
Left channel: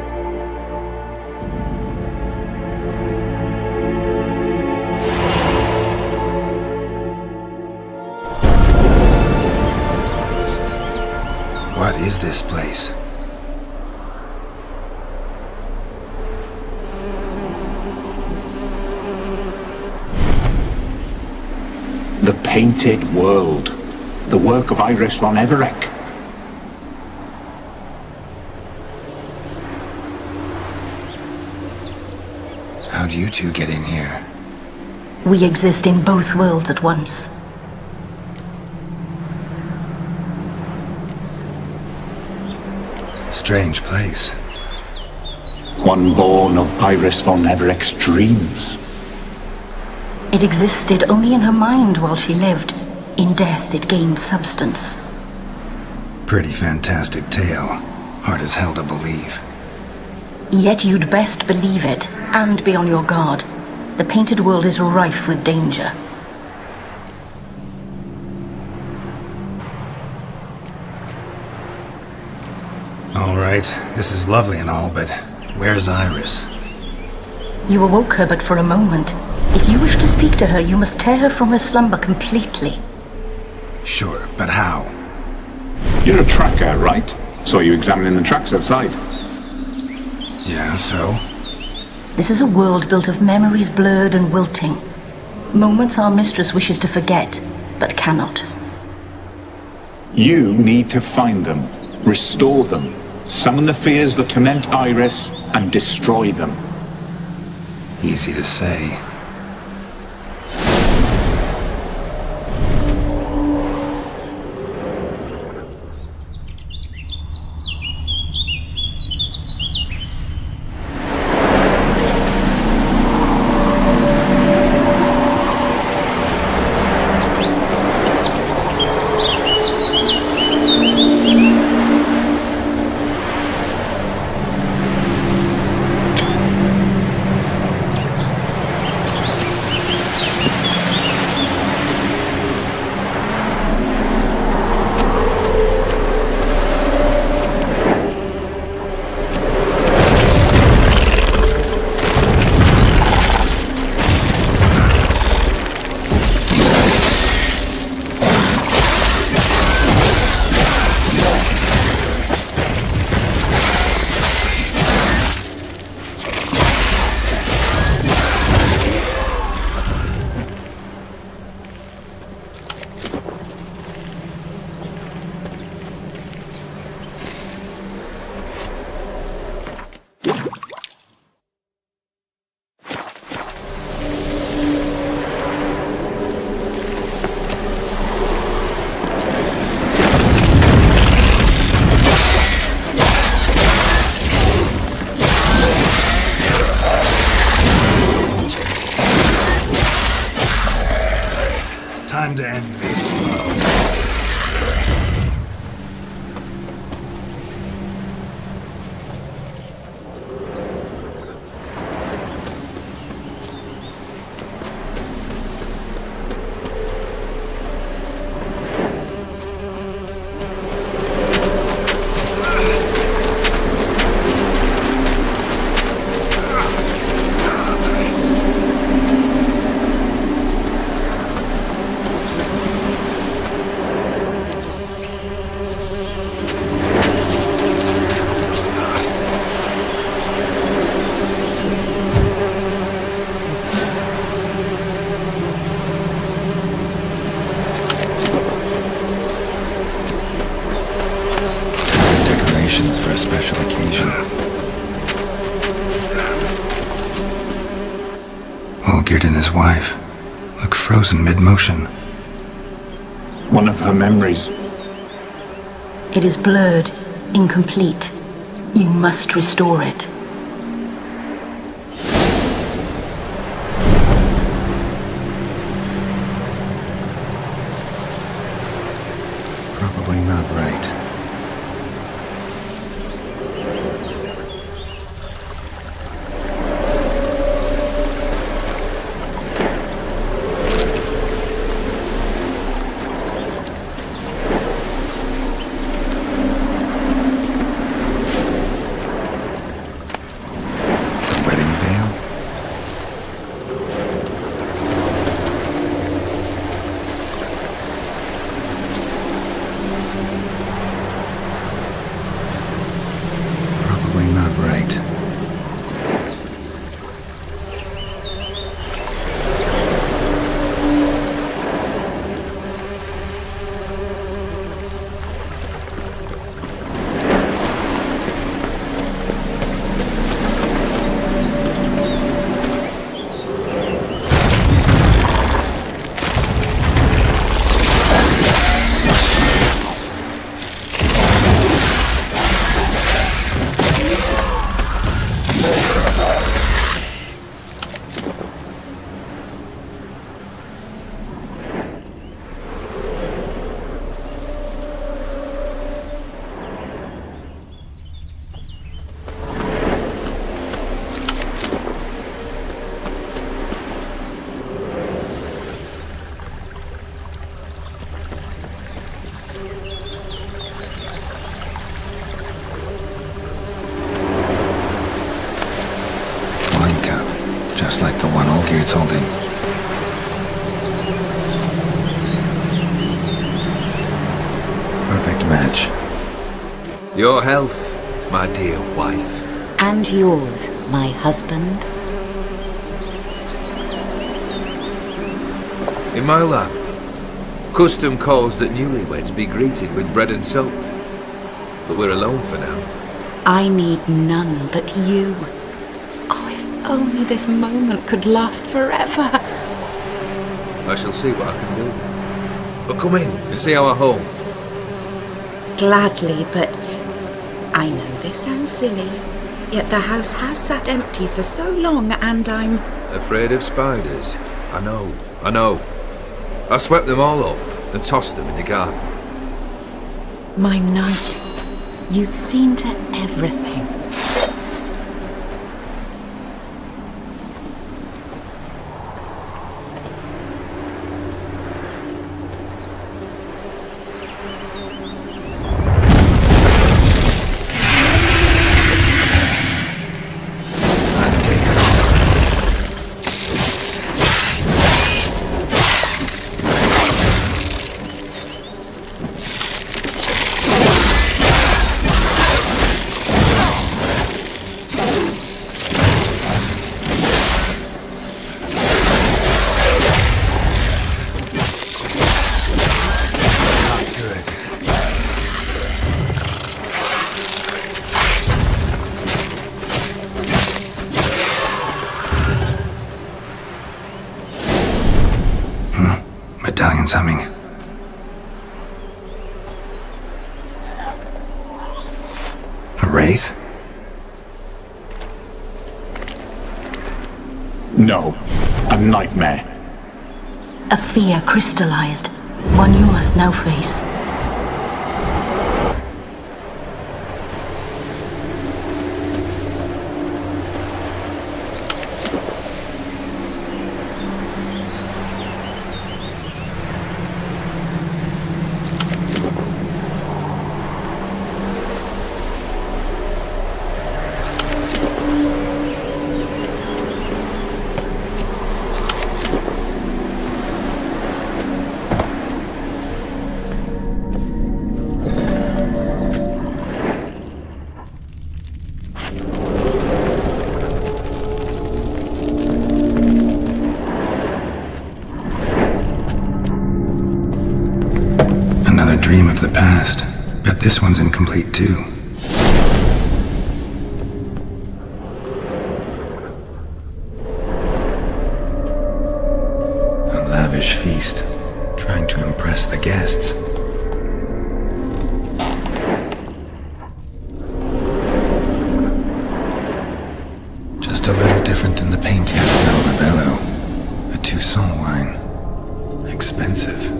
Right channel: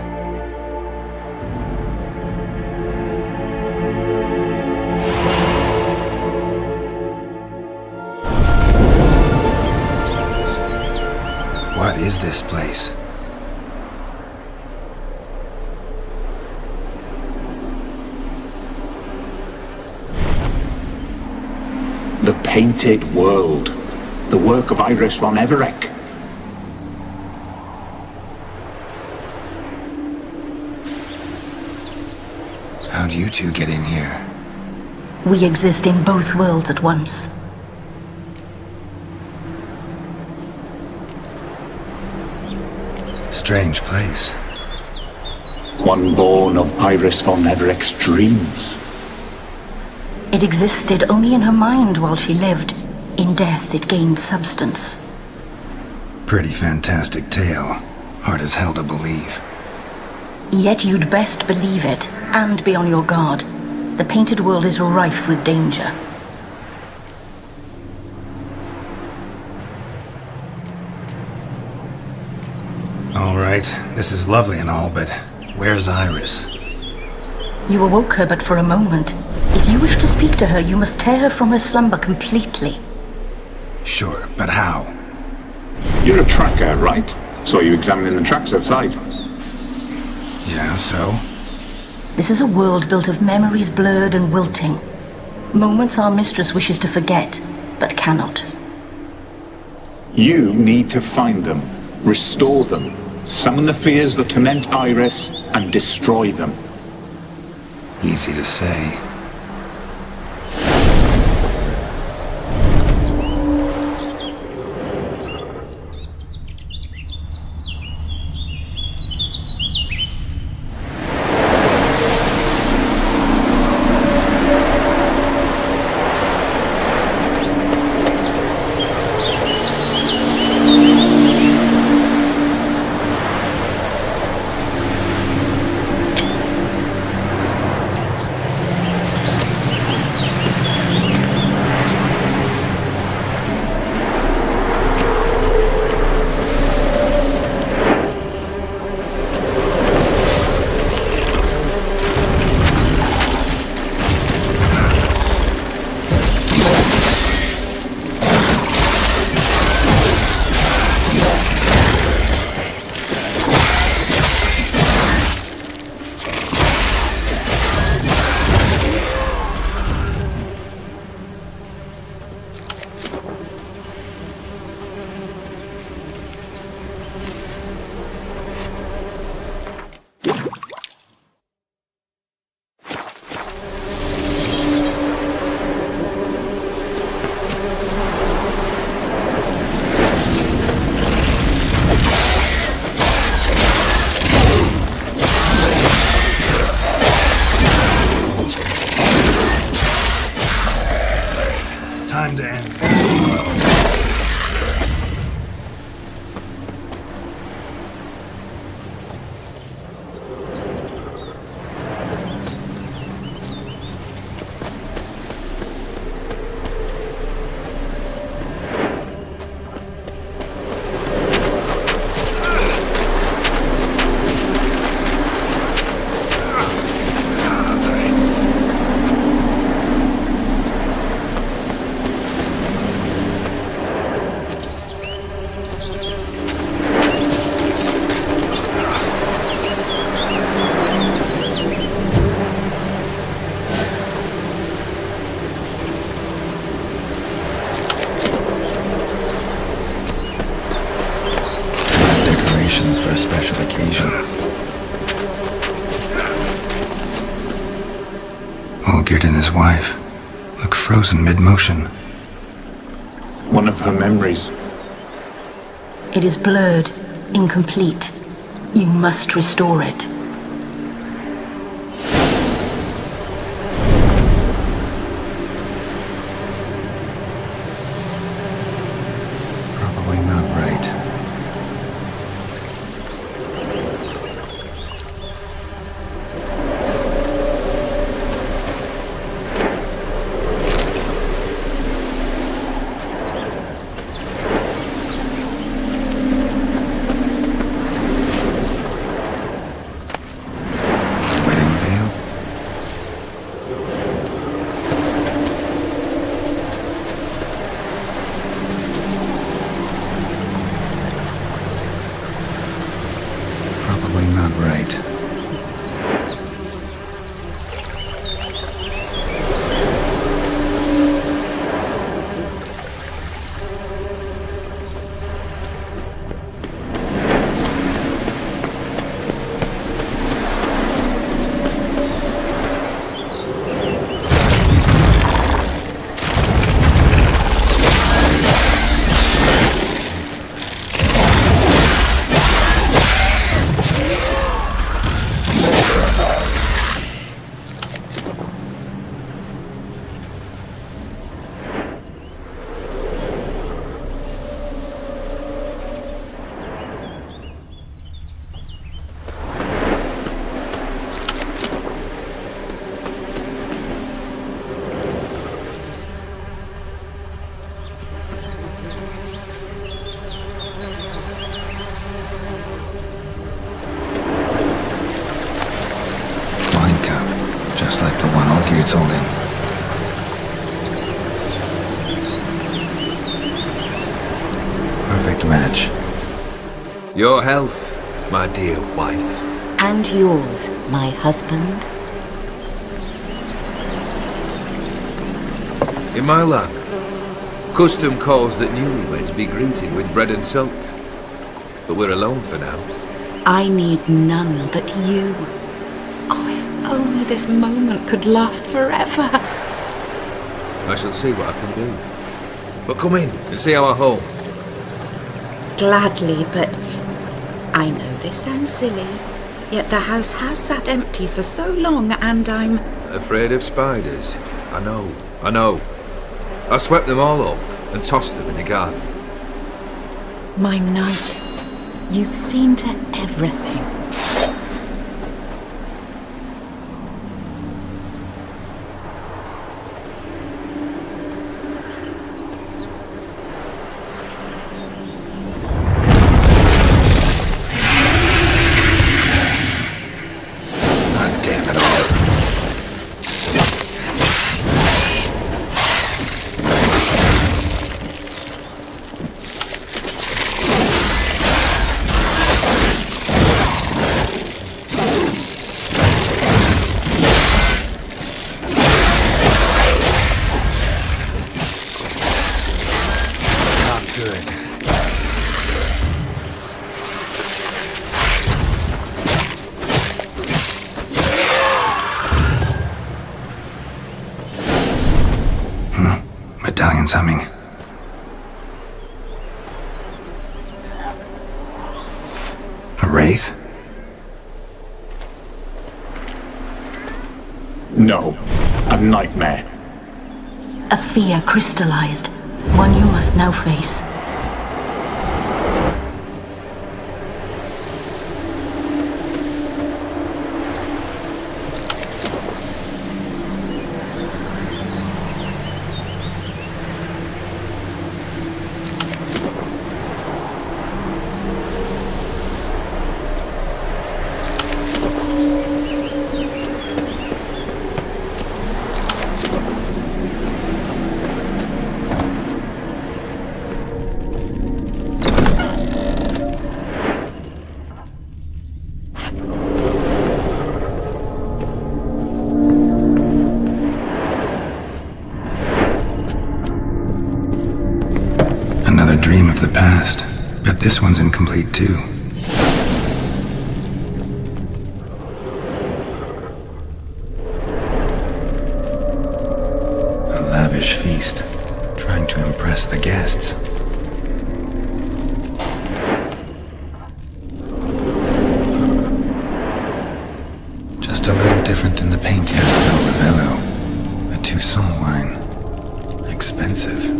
What is this place? The Painted World. The work of Iris von Everec. How'd you two get in here? We exist in both worlds at once. Strange place. One born of Iris von Everec's dreams. It existed only in her mind while she lived. In death, it gained substance. Pretty fantastic tale. Hard as hell to believe. Yet you'd best believe it, and be on your guard. The painted world is rife with danger. All right, this is lovely and all, but where's Iris? You awoke her but for a moment. If you wish to speak to her, you must tear her from her slumber completely. Sure, but how? You're a tracker, right? Saw you examining the tracks outside. Yeah, so? This is a world built of memories blurred and wilting. Moments our mistress wishes to forget, but cannot. You need to find them, restore them, summon the fears that torment Iris, and destroy them. Easy to say. Time to end this. For a special occasion. Olgierd and his wife look frozen mid-motion. One of her memories. It is blurred, incomplete. You must restore it. Probably not right. just like the one Olgierd's holding. Perfect match. Your health, my dear wife. And yours, my husband. In my land, custom calls that newlyweds be greeted with bread and salt. But we're alone for now. I need none but you. Oh, if only this moment could last forever. I shall see what I can do. But come in and see our home. Gladly, but I know this sounds silly, yet the house has sat empty for so long and I'm... Afraid of spiders? I know. I swept them all up and tossed them in the garden. My knight, you've seen to everything. Damn it all. Not good. Medallion's humming. A wraith? No. A nightmare. A fear crystallized, one you must now face. Another dream of the past. Bet this one's incomplete too. A lavish feast, trying to impress the guests. Just a little different than the paint. Castel Rebello. A Toussaint wine. Expensive.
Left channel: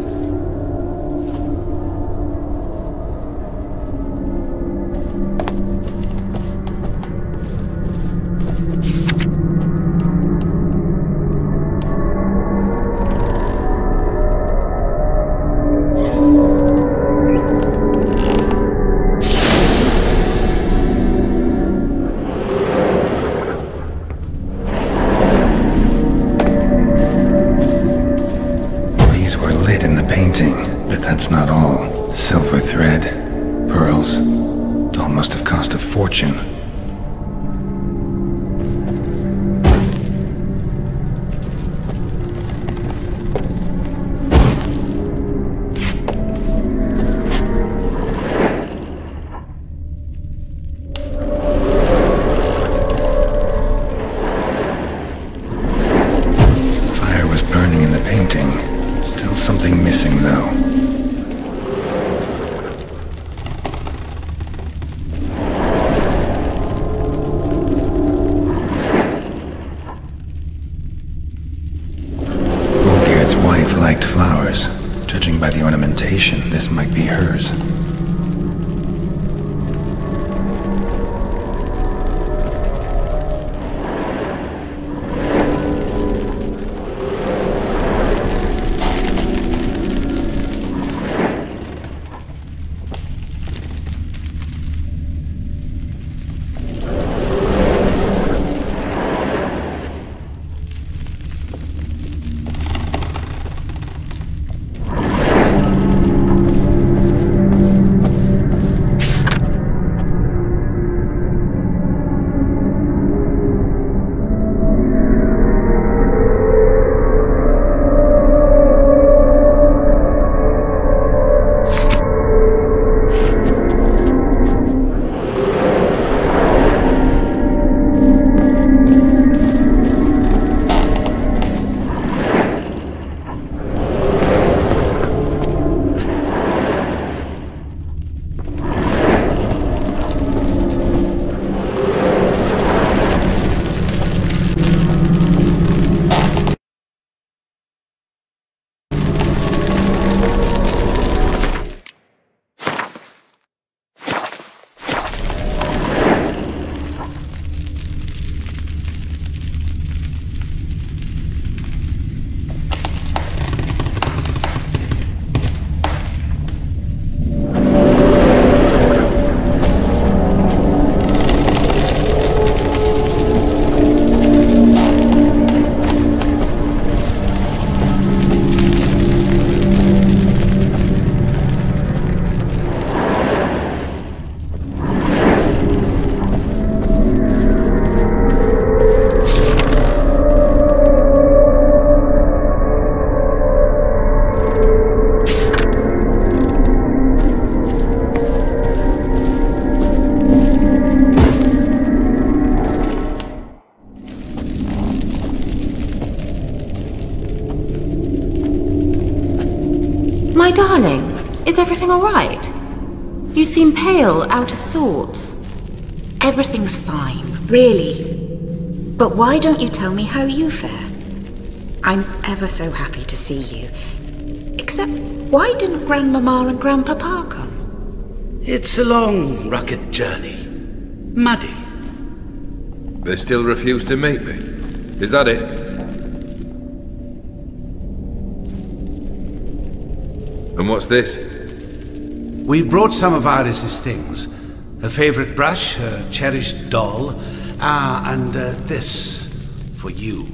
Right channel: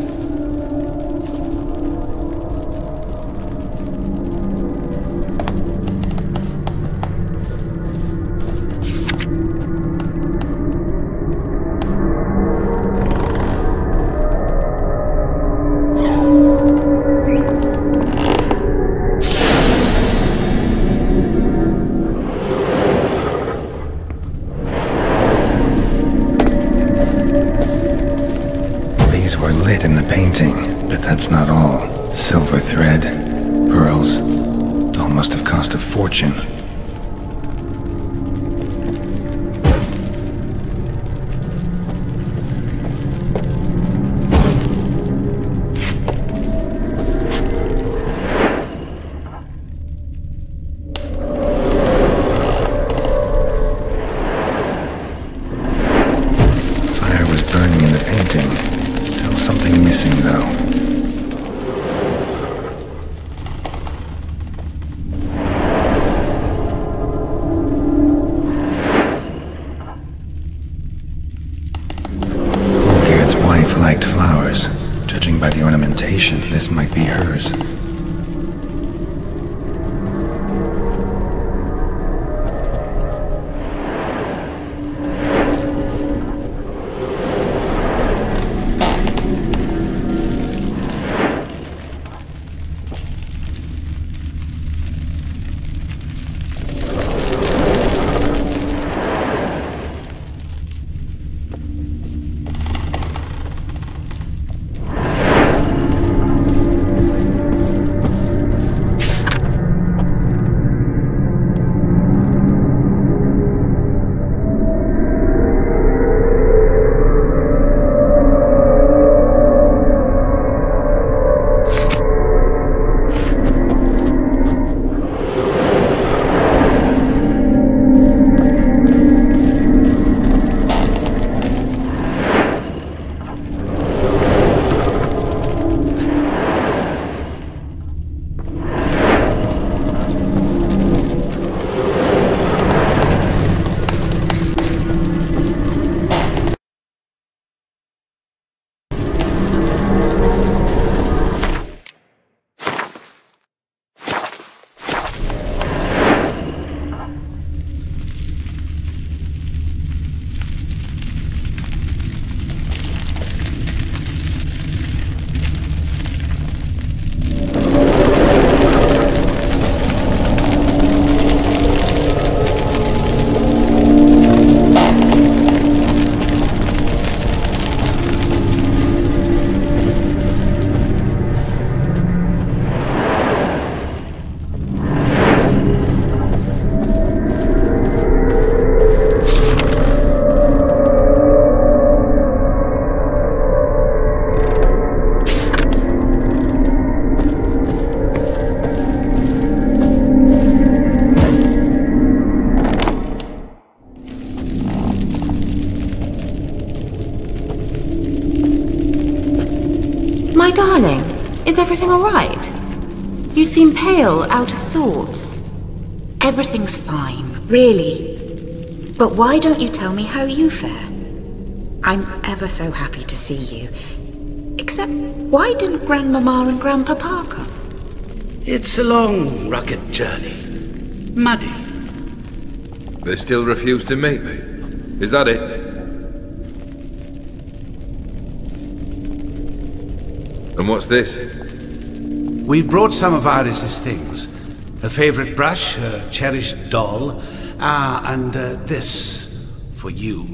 These were lit in the painting, but that's not all. Silver thread, pearls. It all must have cost a fortune. Fire was burning in the painting. Still something missing, though. Olgierd's wife liked flowers. Judging by the ornamentation, this might be hers. My darling, is everything all right? You seem pale, out of sorts. Everything's fine, really. But why don't you tell me how you fare? I'm ever so happy to see you. Except, why didn't Grandmama and Grandpapa come? It's a long, rugged journey. Muddy. They still refuse to meet me. Is that it? And what's this? We've brought some of Iris's things. Her favorite brush, her cherished doll, and this for you.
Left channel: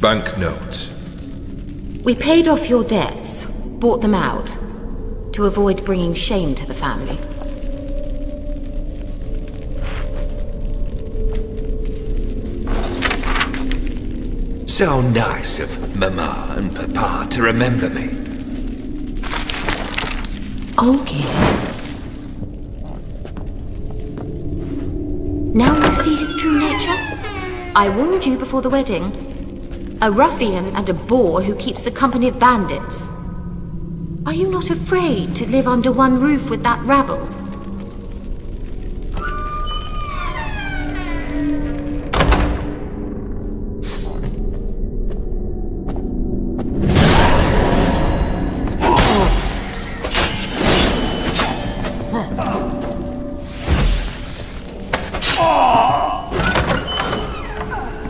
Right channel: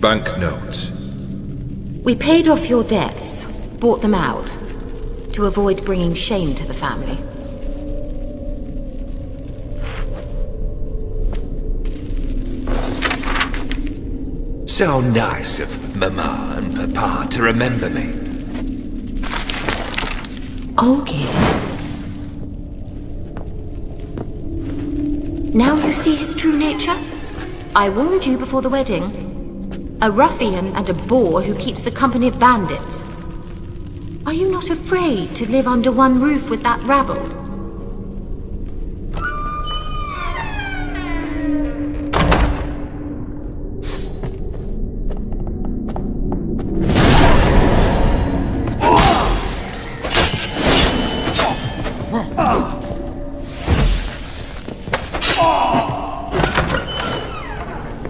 Banknotes. We paid off your debts, bought them out, to avoid bringing shame to the family. So nice of Mama and Papa to remember me. Olgierd. Now you see his true nature? I warned you before the wedding. A ruffian and a boor who keeps the company of bandits. Are you not afraid to live under one roof with that rabble?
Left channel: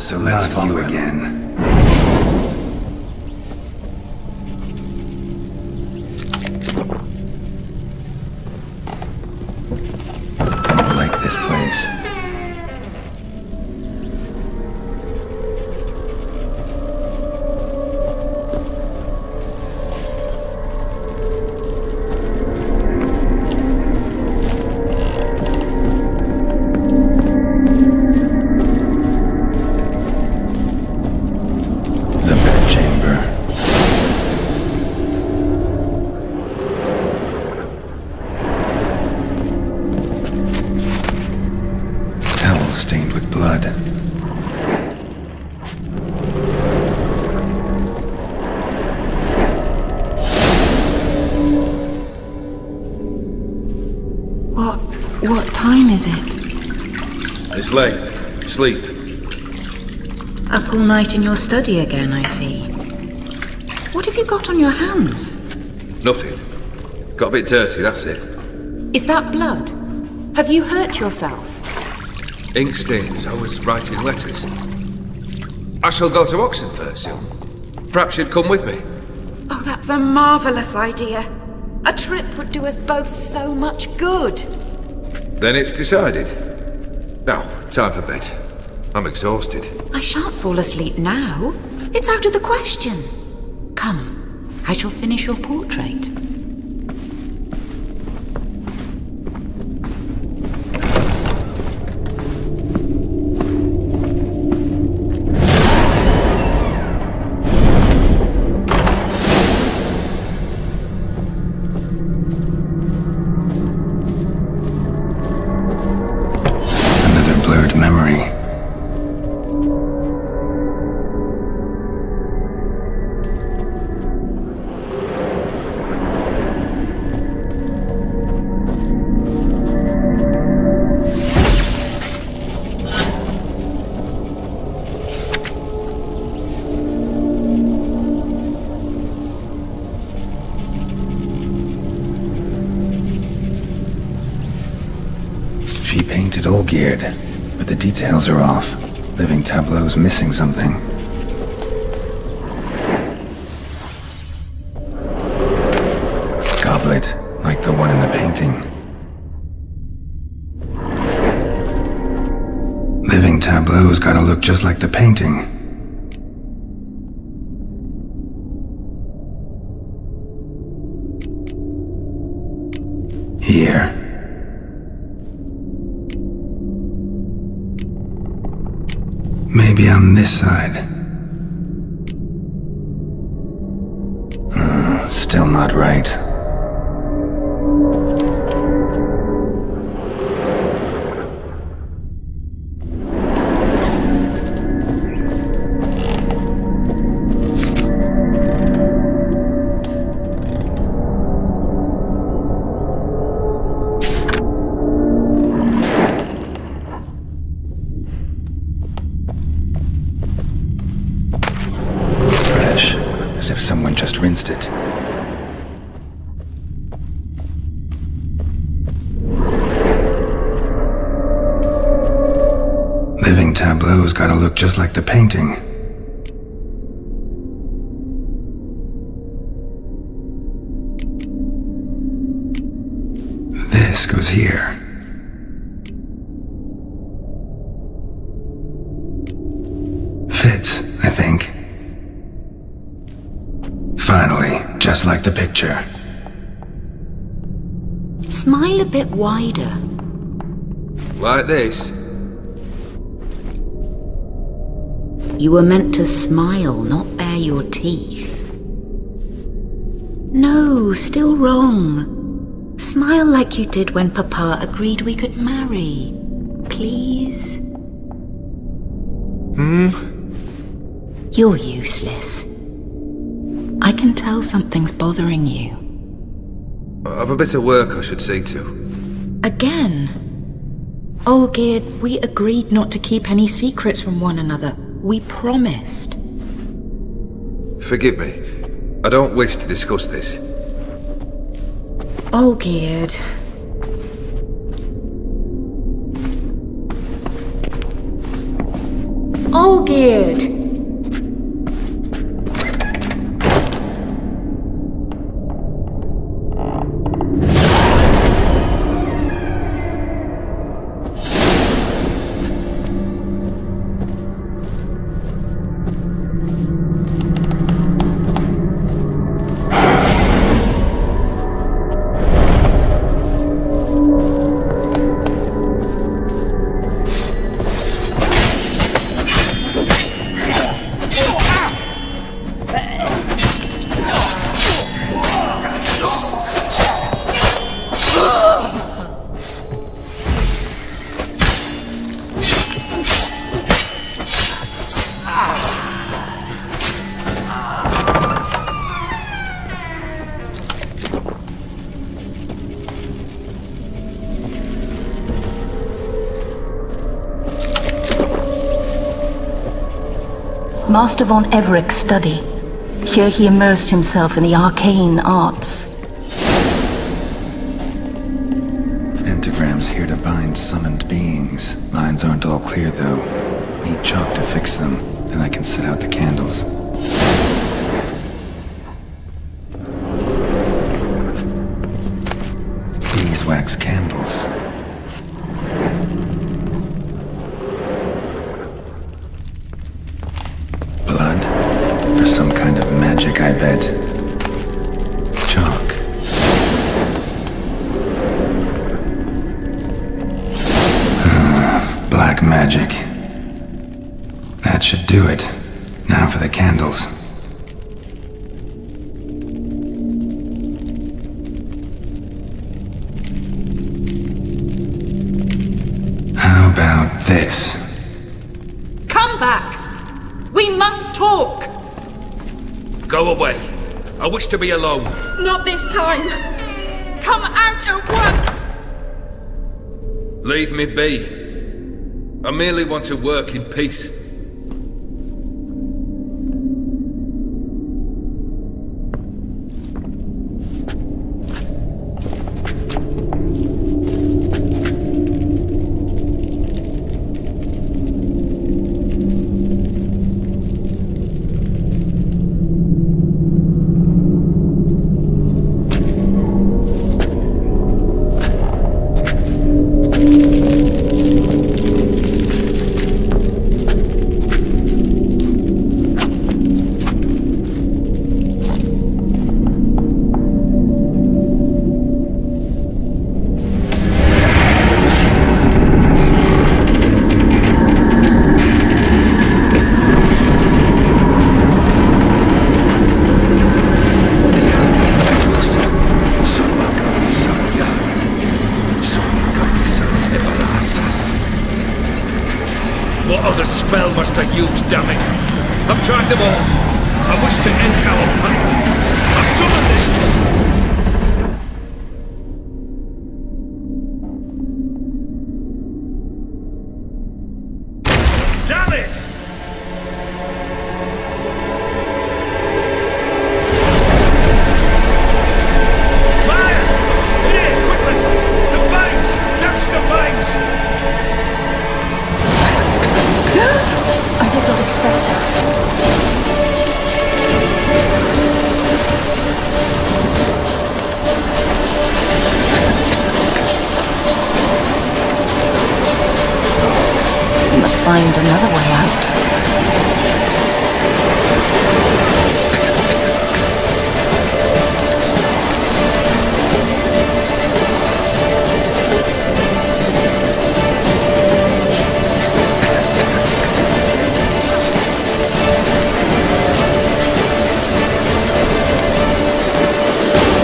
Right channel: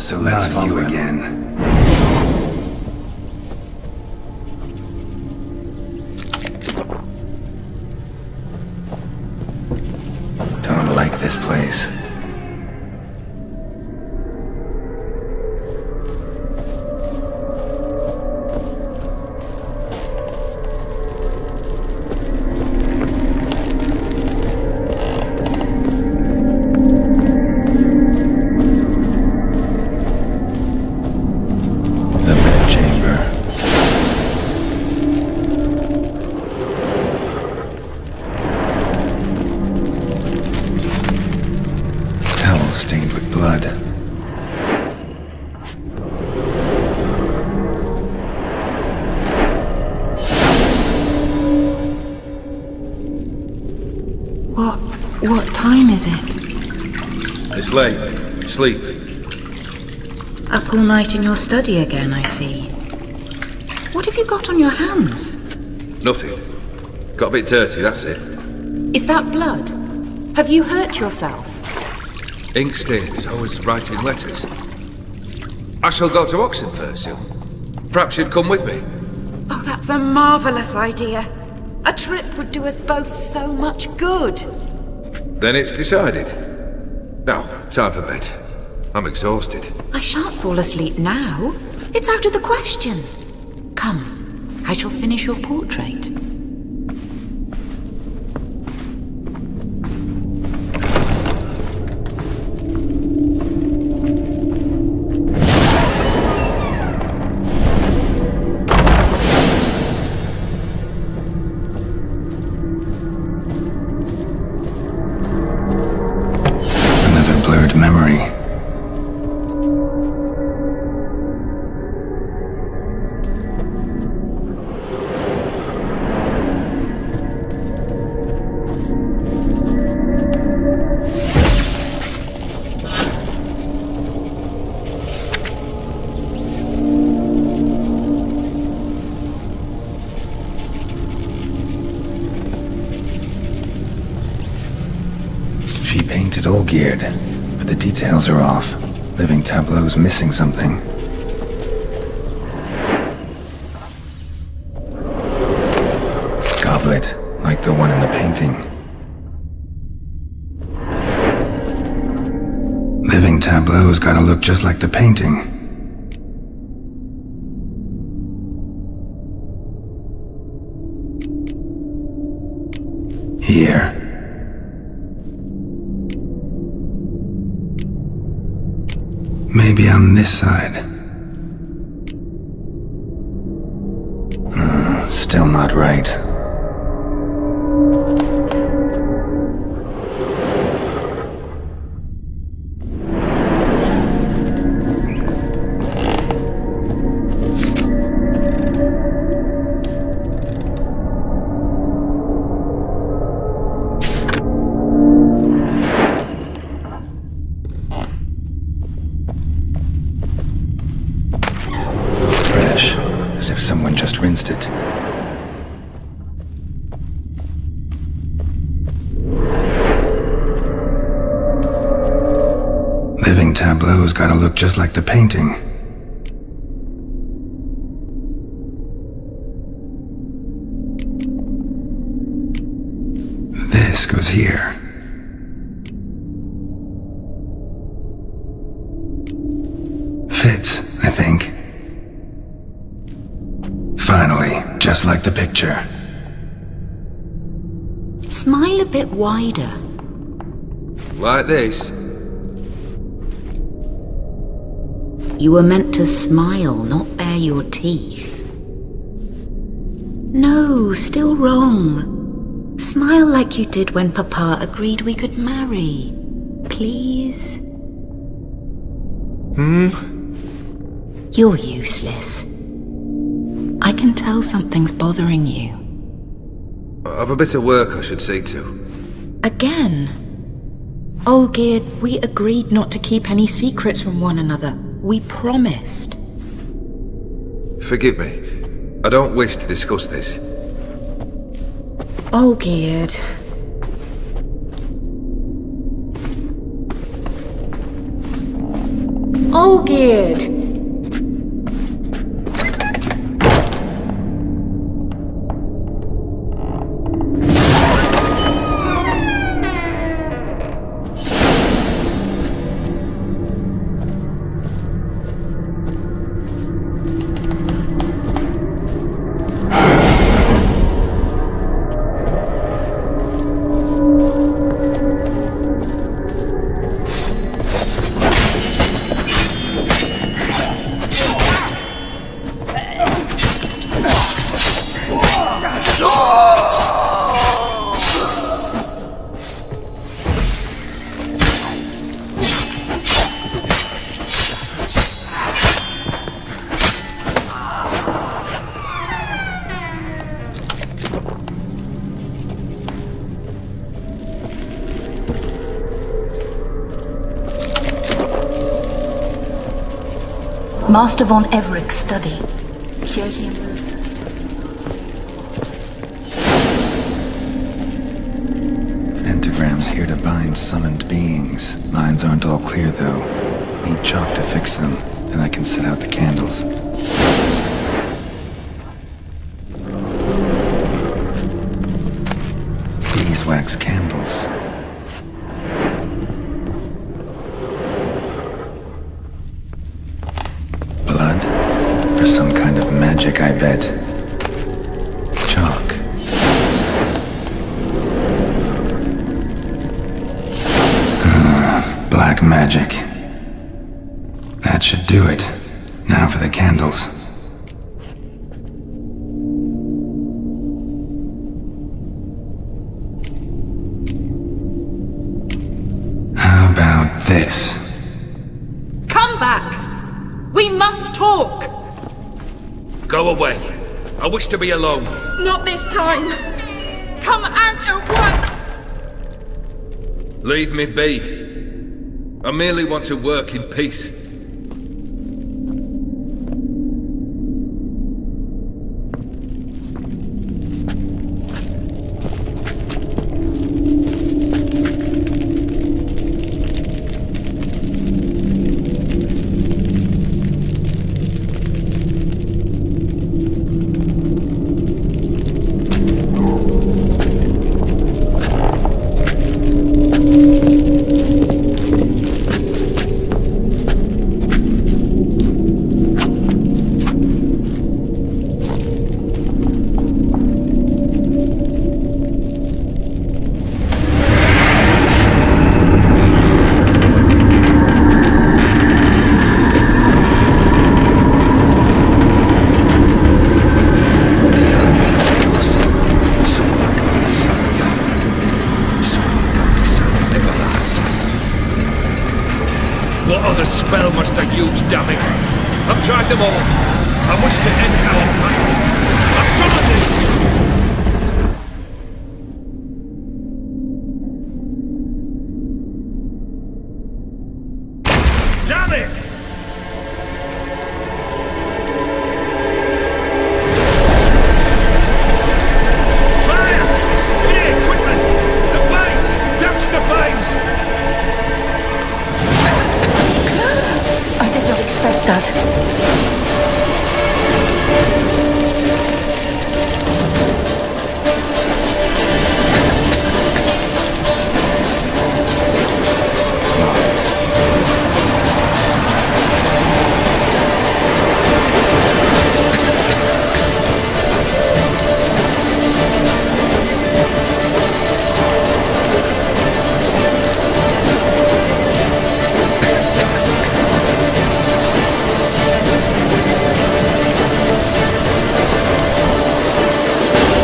So let's follow again. Don't like this place. The bedchamber. Towel stained with blood. What time is it? It's late. Sleep. Up all night in your study again, I see. What have you got on your hands? Nothing. Got a bit dirty, that's it. Is that blood? Have you hurt yourself? Ink stains. I was writing letters. I shall go to Oxenfurt soon. Perhaps you'd come with me. Oh, that's a marvellous idea. A trip would do us both so much good. Then it's decided. Now, time for bed. I'm exhausted. I shan't fall asleep now. It's out of the question. Come, I shall finish your portrait. Another blurred memory. She painted Olgierd, but the details are off. Living tableau's missing something. Goblet, like the one in the painting. Living tableau's gotta look just like the painting. Here. Maybe on this side. Still not right. as if someone just rinsed it. Living tableau's gotta look just like the painting. This goes here. Fits, I think. Finally, just like the picture. Smile a bit wider. Like this? You were meant to smile, not bare your teeth. No, still wrong. Smile like you did when Papa agreed we could marry. Please? You're useless. I can tell something's bothering you. I've a bit of work I should see to. Again? Olgierd, we agreed not to keep any secrets from one another. We promised. Forgive me. I don't wish to discuss this. Olgierd. Olgierd! Master von Everic's study. Here he immersed himself in the arcane arts. Pentagrams here to bind summoned beings. Lines aren't all clear, though. Need chalk to fix them, then I can set out the candles. Beeswax candles. Blood? For some kind of magic, I bet. Chalk. Black magic. That should do it. Now for the candles. How about this? Come back! We must talk! Go away. I wish to be alone. Not this time! Come out at once! Leave me be. I merely want to work in peace. What other spell must I use, damn it? I've tried them all. I wish to end our pact. I summon thee! Damn it! fangs! I did not expect that. Let's find another way out.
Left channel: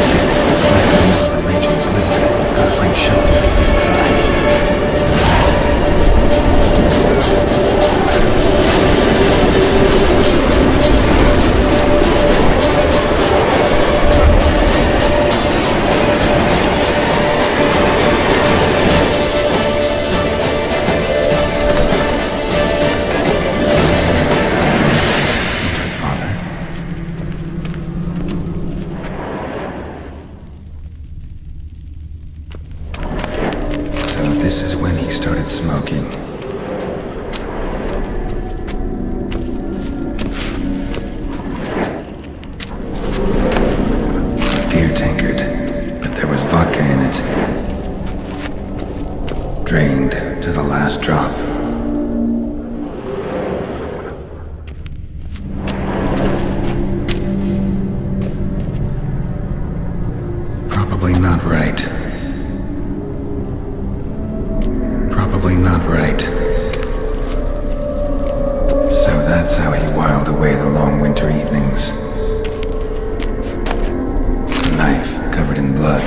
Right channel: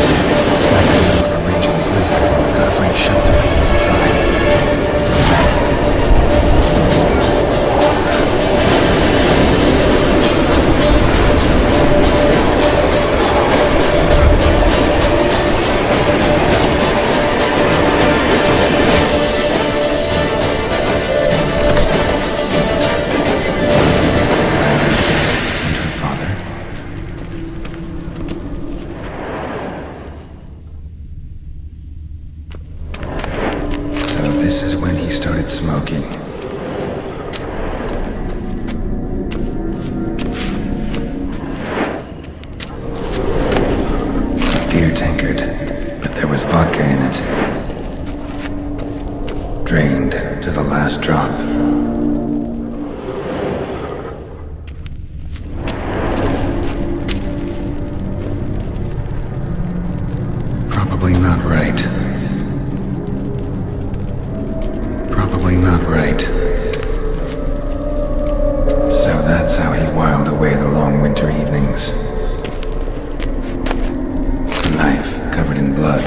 Damn it, smack in the middle of a raging blizzard. Gotta find shelter, get inside. This is when he started smoking. A beer tankard, but there was vodka in it. Drained to the last drop. Probably not right. Probably not right. So that's how he whiled away the long winter evenings. A knife covered in blood.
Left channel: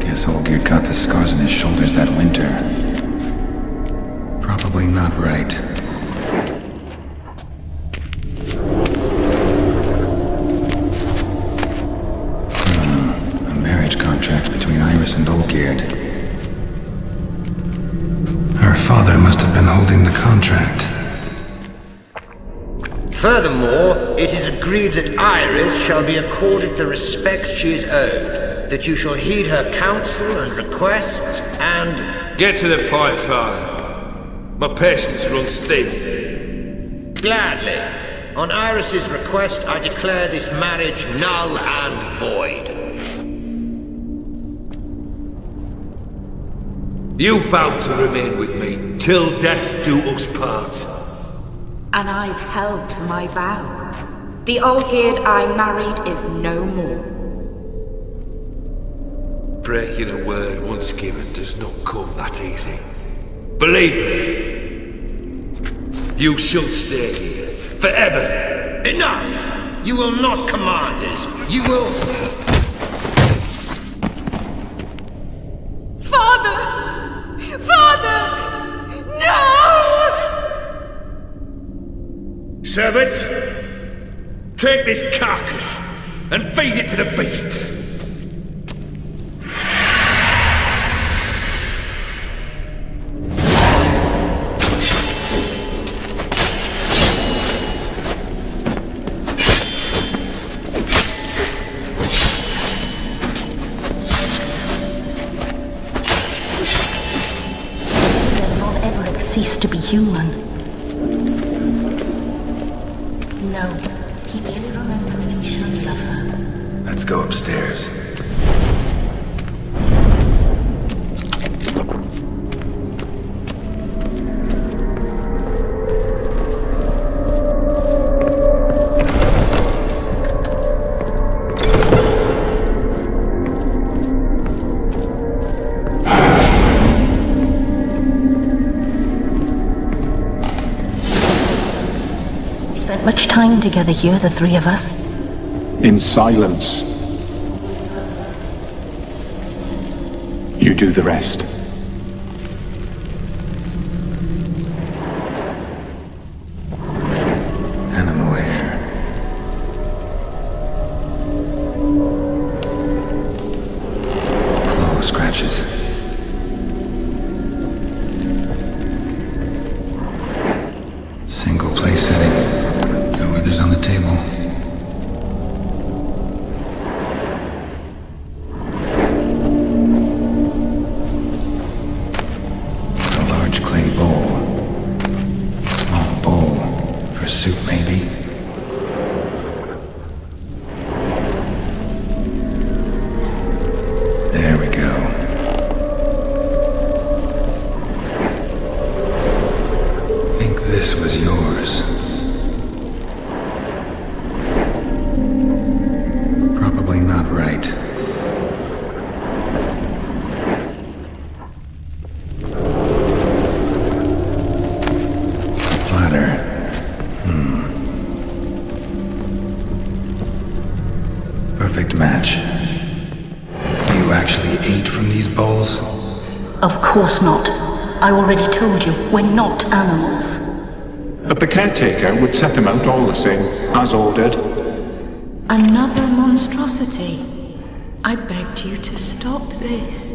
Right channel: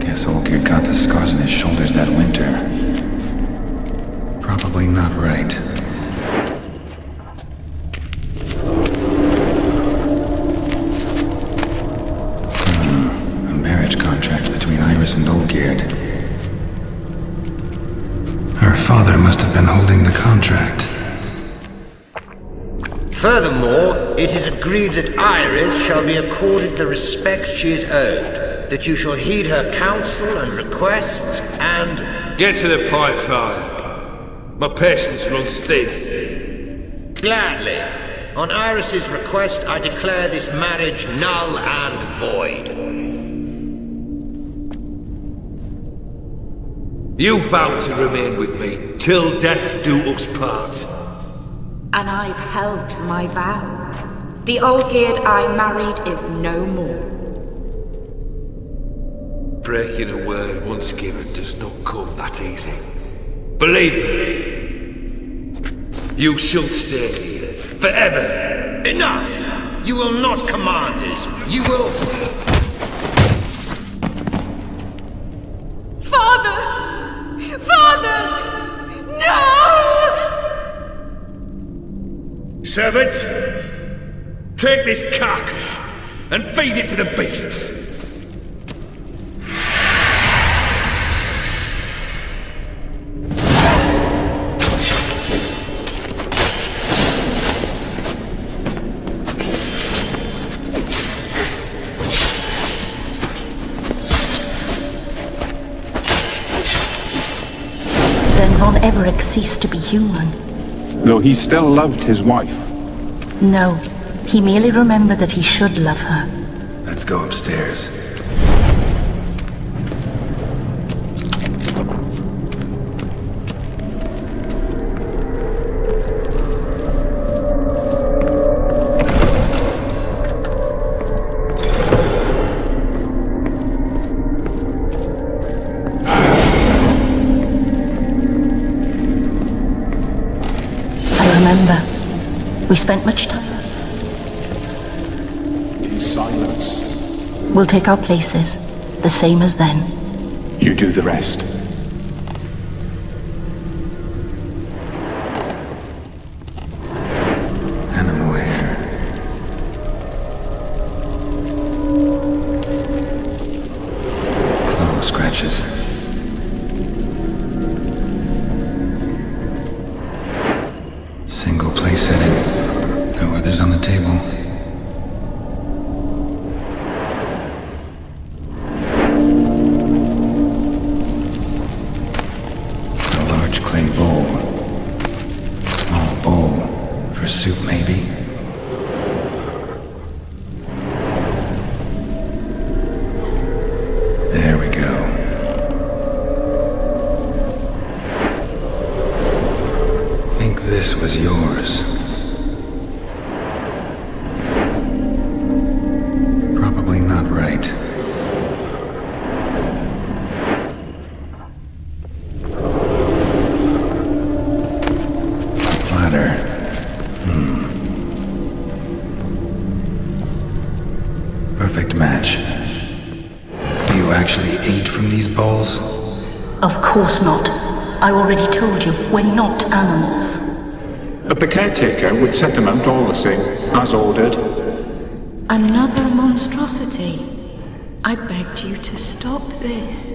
Guess Olgierd got the scars on his shoulders that winter. Probably not right. A marriage contract between Iris and Olgierd. Her father must have been holding the contract. Furthermore, it is agreed that Iris shall be accorded the respect she is owed, that you shall heed her counsel and requests, and... Get to the point, Father. My patience runs thin. Gladly. On Iris's request, I declare this marriage null and void. You vowed to remain with me till death do us part. And I've held to my vow. The Olgierd I married is no more. Breaking a word once given does not come that easy. Believe me. You shall stay here forever. Enough! You will not command us. You will... Father! Father! No! Servant, take this carcass and feed it to the beasts. Then von Everic ceased to be human. Though he still loved his wife. No, he merely remembered that he should love her. Let's go upstairs. We spent much time together here, the three of us. In silence. We'll take our places, the same as then. You do the rest. Animal hair. Claw scratches. Single place setting. No others on the table. suit, maybe? There we go. Think this was yours. Probably not right. Platter. Perfect match. You actually ate from these bowls? Of course not. I already told you, we're not animals. But the caretaker would set them out all the same, as ordered. Another monstrosity. I begged you to stop this.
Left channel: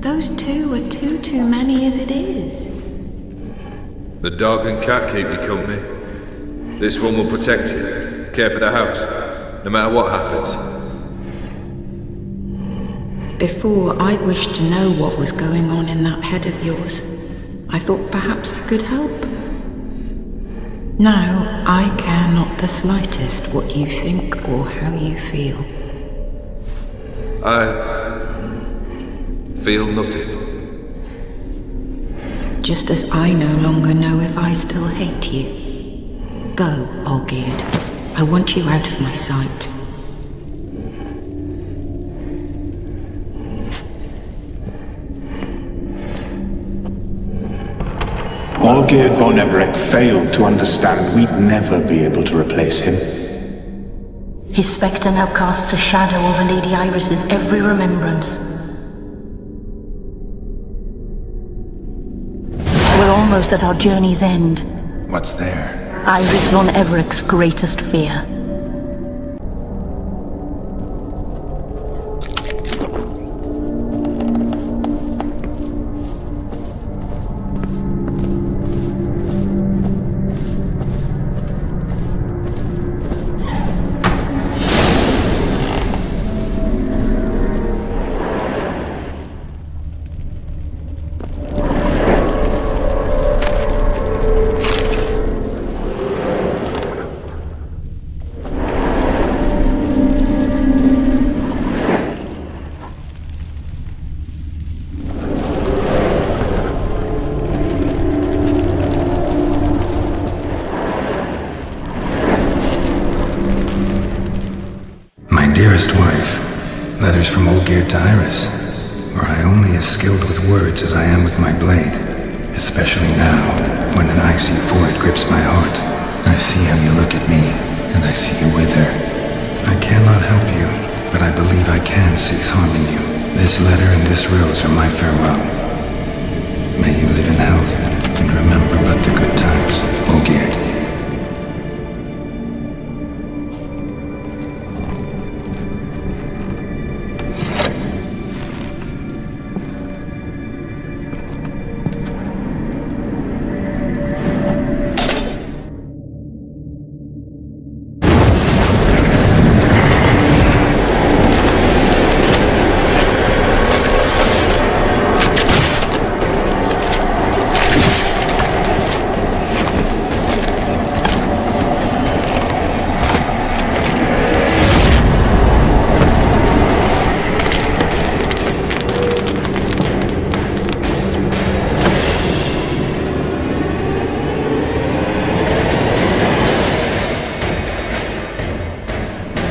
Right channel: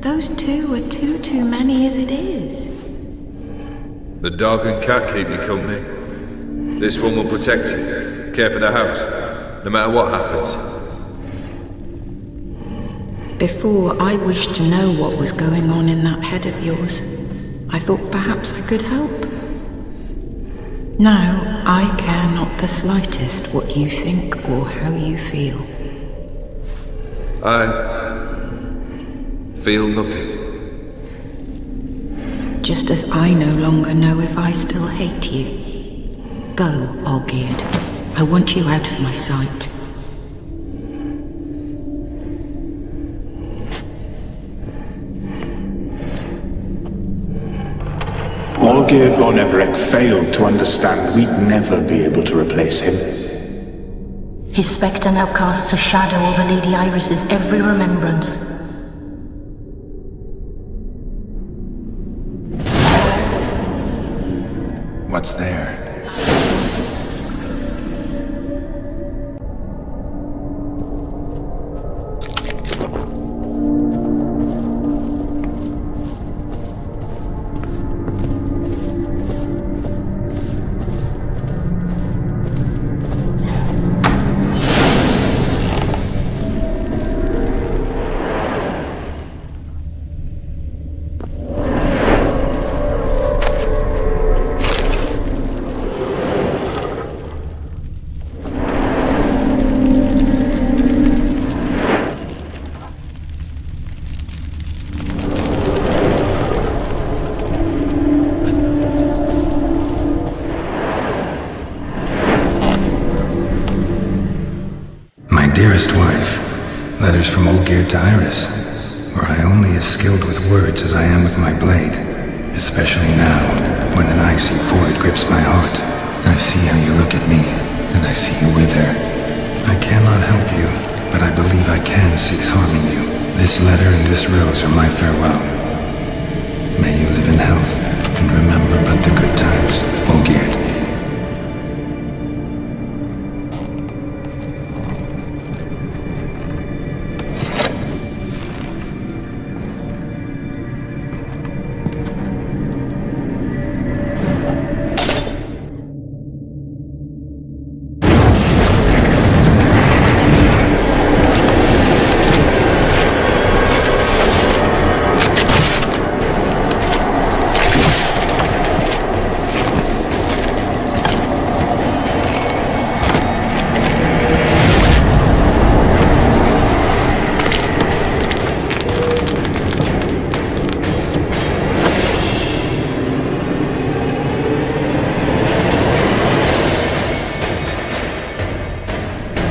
Those two are too many as it is. The dog and cat keep you company. This one will protect you, care for the house, no matter what happens. Before, I wished to know what was going on in that head of yours. I thought perhaps I could help. Now, I care not the slightest what you think or how you feel. I feel nothing. Just as I no longer know if I still hate you. Go, Olgierd. I want you out of my sight. Olgierd von Everic failed to understand we'd never be able to replace him. His spectre now casts a shadow over Lady Iris's every remembrance. We're almost at our journey's end. What's there? Iris von Everec's greatest fear. Dearest wife, letters from Olgierd to Iris, were I only as skilled with words as I am with my blade, especially now, when an icy void grips my heart. I see how you look at me, and I see you wither. I cannot help you, but I believe I can cease harming you. This letter and this rose are my farewell. May you live in health, and remember but the good times, Olgierd.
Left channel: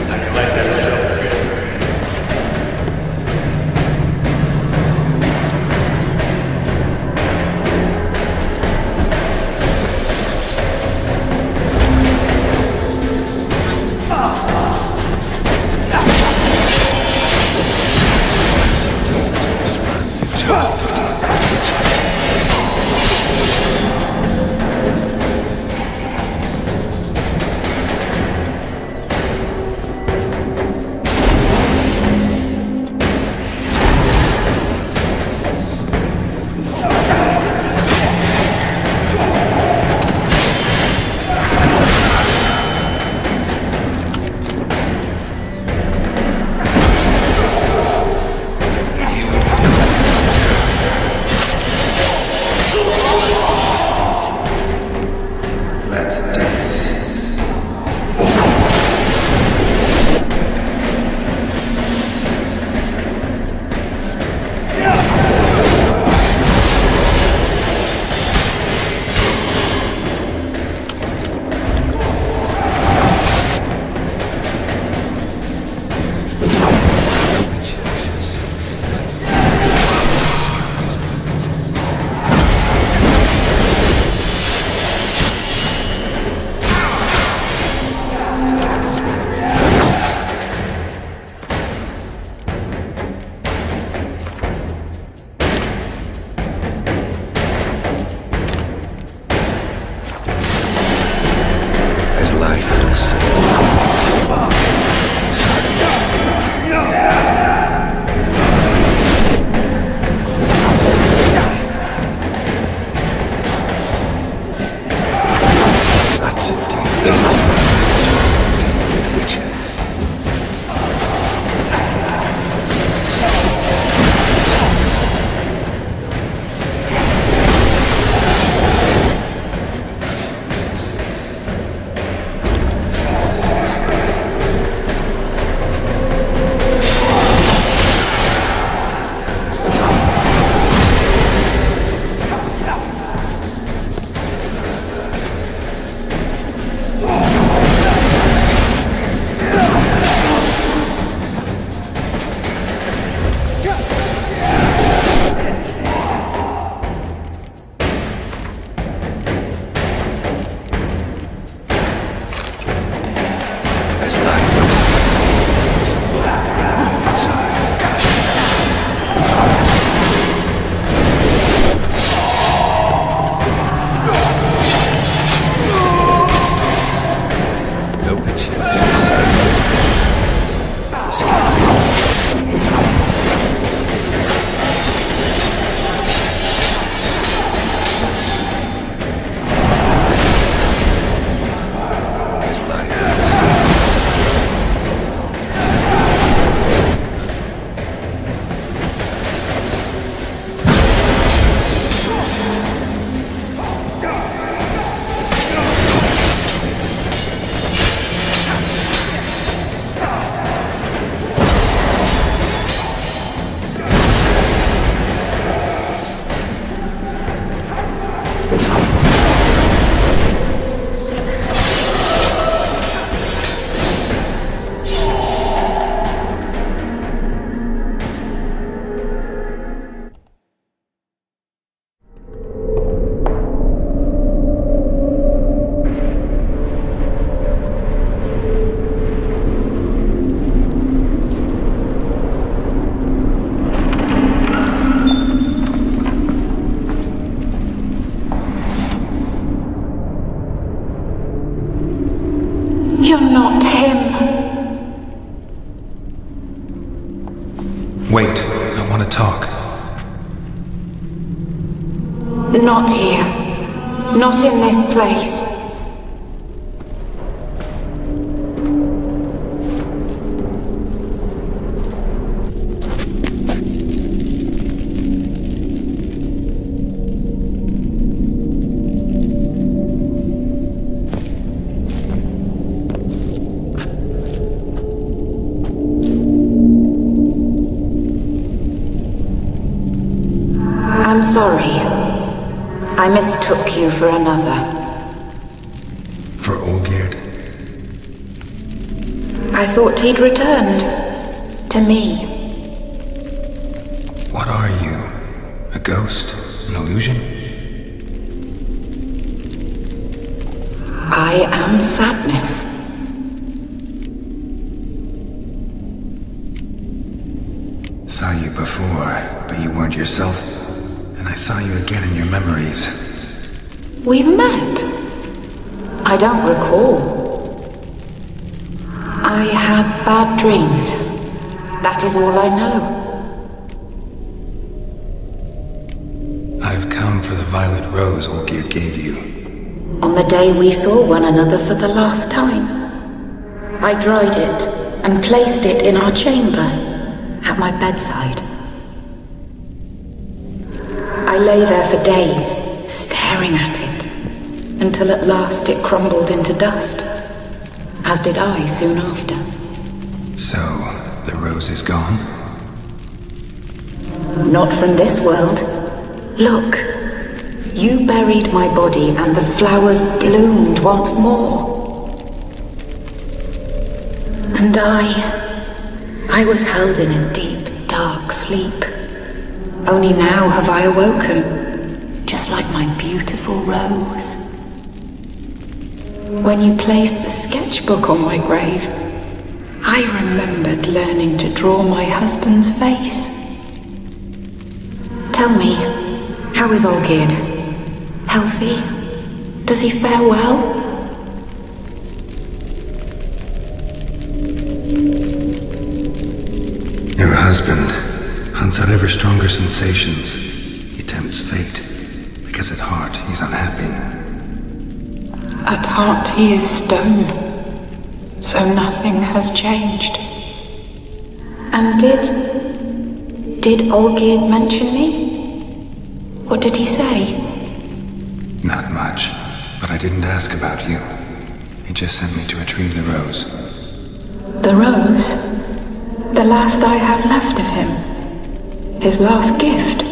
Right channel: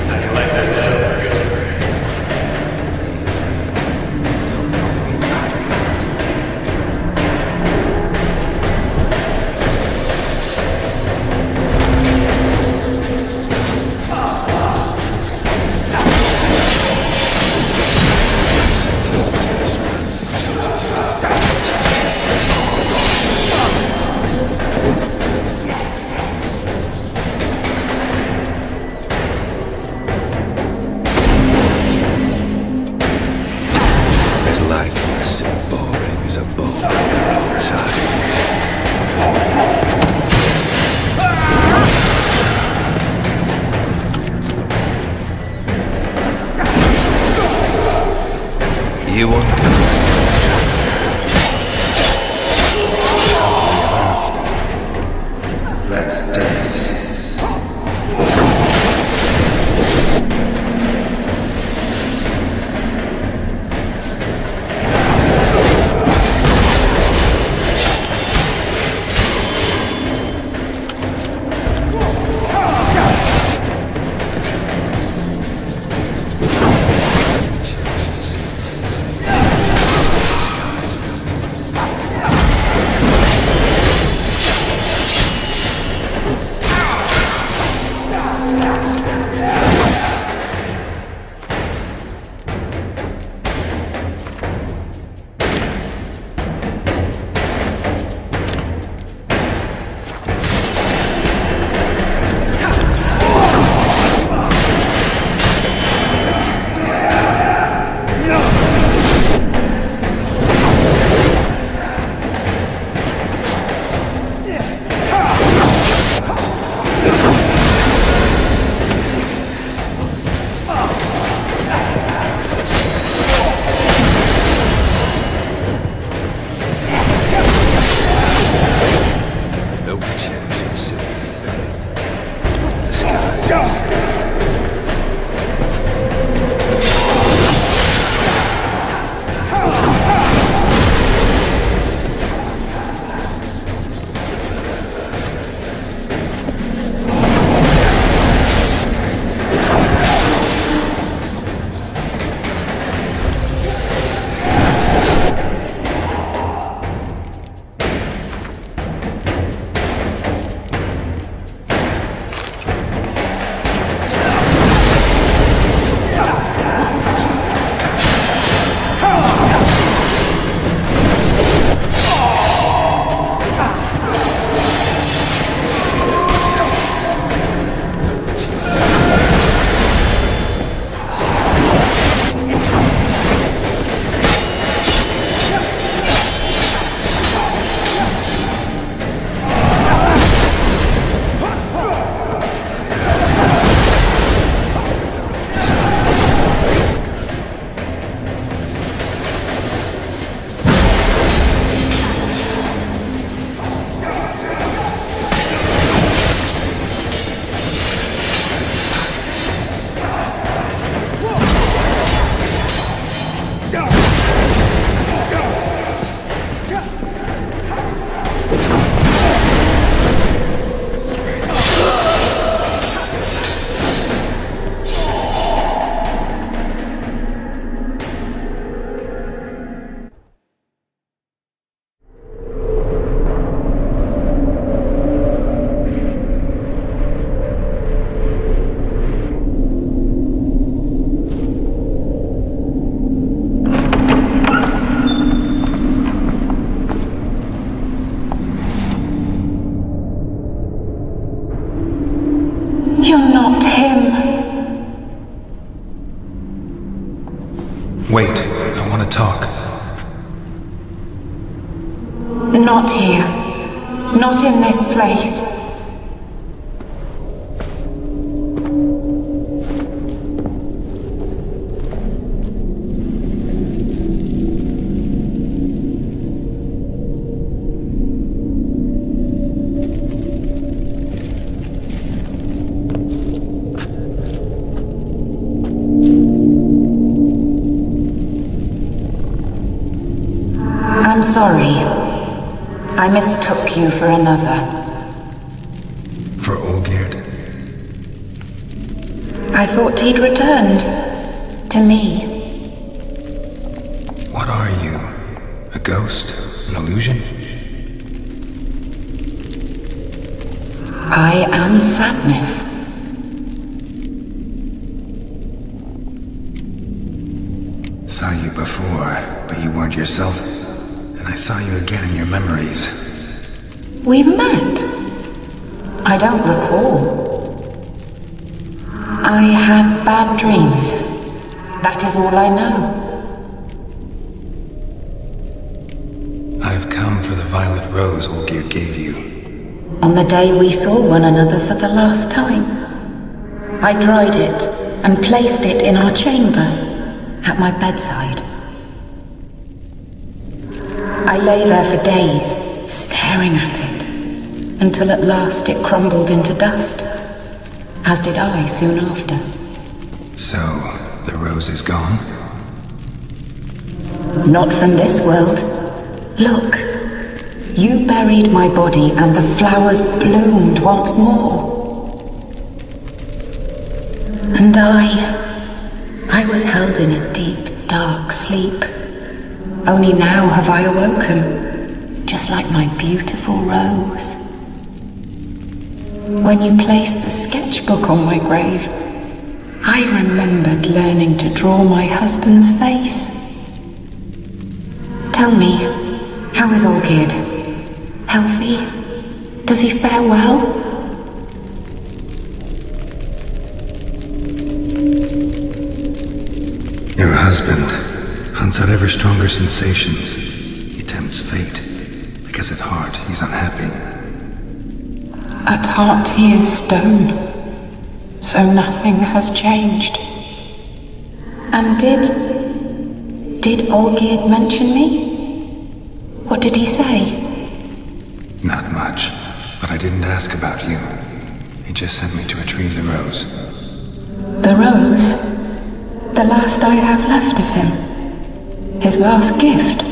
How you like that silver? That's indeed this man you've chosen to deal with. You want to Let's dance. Wait, I want to talk. Not here. Not in this place. I'm sorry. I mistook you for another. For Olgierd? I thought he'd returned. To me. What are you? A ghost? An illusion? I am sadness. Saw you before, but you weren't yourself. And I saw you again in your memories. We've met? I don't recall. I had bad dreams. That is all I know. I've come for the violet rose Olgierd gave you. On the day we saw one another for the last time, I dried it and placed it in our chamber, at my bedside. I lay there for days, staring at it, until at last it crumbled into dust, as did I soon after. So, the rose is gone? Not from this world. Look, you buried my body and the flowers bloomed once more. And I was held in a deep, dark sleep. Only now have I awoken, just like my beautiful rose. When you placed the sketchbook on my grave, I remembered learning to draw my husband's face. Tell me, how is Olgierd? Healthy? Does he fare well? Your husband hunts out ever stronger sensations. He tempts fate, because at heart he's unhappy. At heart he is stone, so nothing has changed. And did Olgierd mention me? What did he say? Not much, but I didn't ask about you. He just sent me to retrieve the rose. The rose? The last I have left of him? His last gift?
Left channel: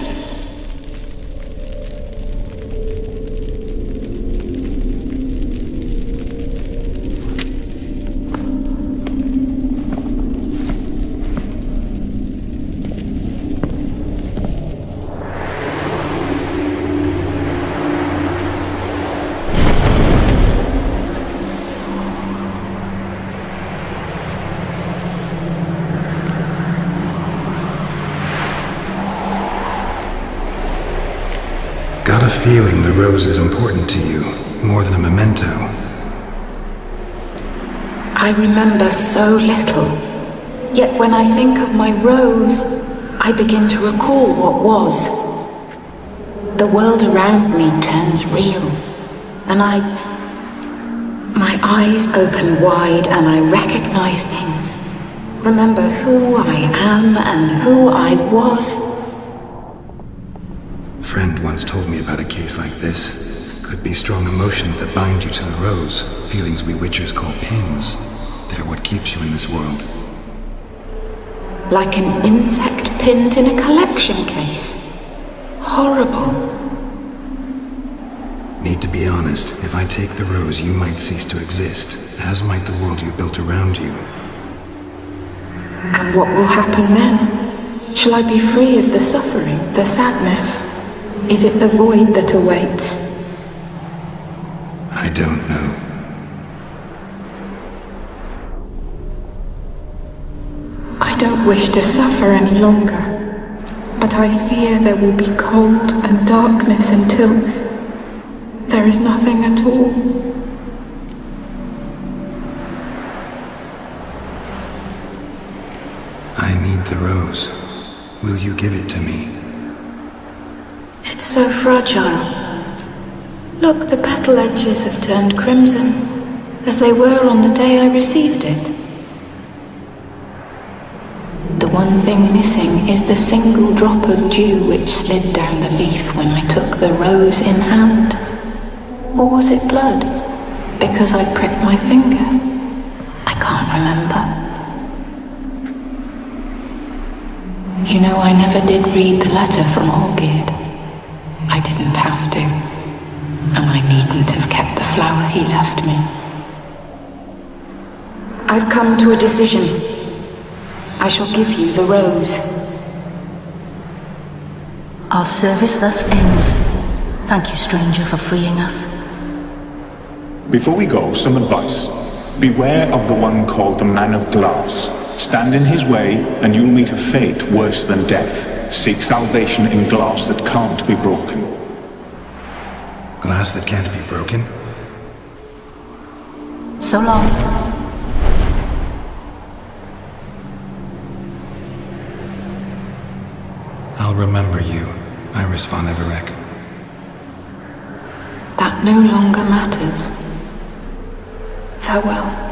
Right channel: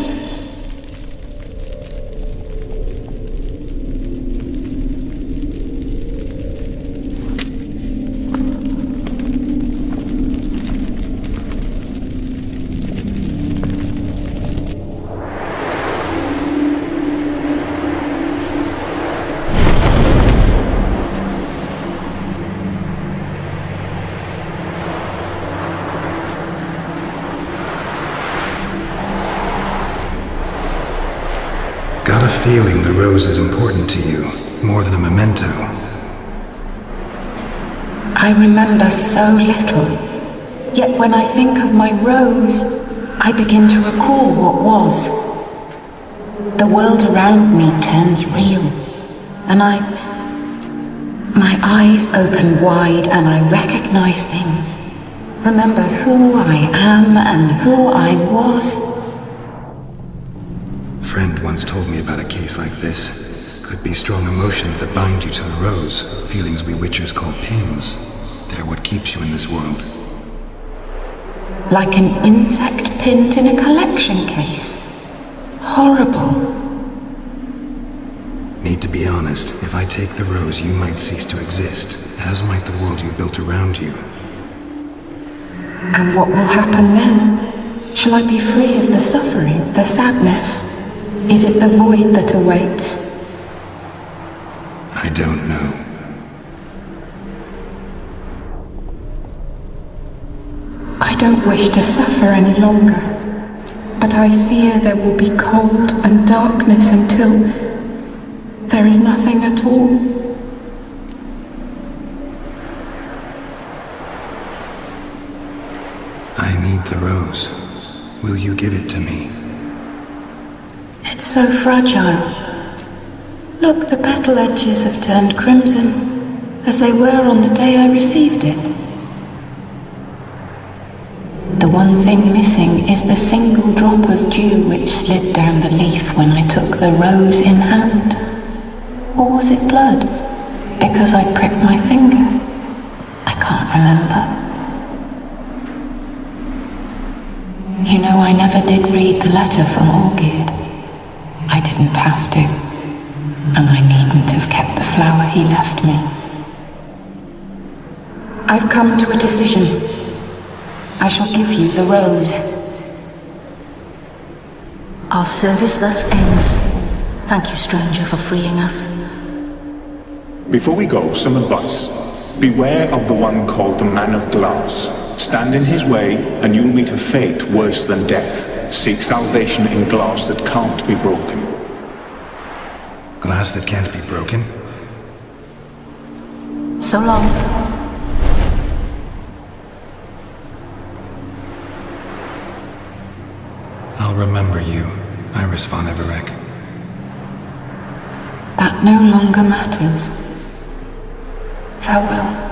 Got a feeling the rose is important to you, more than a memento. I remember so little. Yet when I think of my rose, I begin to recall what was. The world around me turns real, and my eyes open wide and I recognize things. Remember who I am and who I was. A friend once told me about a case like this. Could be strong emotions that bind you to the rose, feelings we witchers call pins. They're what keeps you in this world. Like an insect pinned in a collection case. Horrible. Need to be honest, if I take the rose, you might cease to exist, as might the world you built around you. And what will happen then? Shall I be free of the suffering, the sadness? Is it the void that awaits? I don't know. I don't wish to suffer any longer, but I fear there will be cold and darkness until there is nothing at all. I need the rose. Will you give it to me? It's so fragile. Look, the petal edges have turned crimson, as they were on the day I received it. The one thing missing is the single drop of dew which slid down the leaf when I took the rose in hand. Or was it blood? Because I pricked my finger? I can't remember. You know, I never did read the letter from Olgierd. I didn't have to. And I needn't have kept the flower he left me. I've come to a decision. I shall give you the rose. Our service thus ends. Thank you, stranger, for freeing us. Before we go, some advice. Beware of the one called the Man of Glass. Stand in his way, and you'll meet a fate worse than death. Seek salvation in glass that can't be broken. Glass that can't be broken? So long. I'll remember you, Iris von Everec. That no longer matters. Farewell.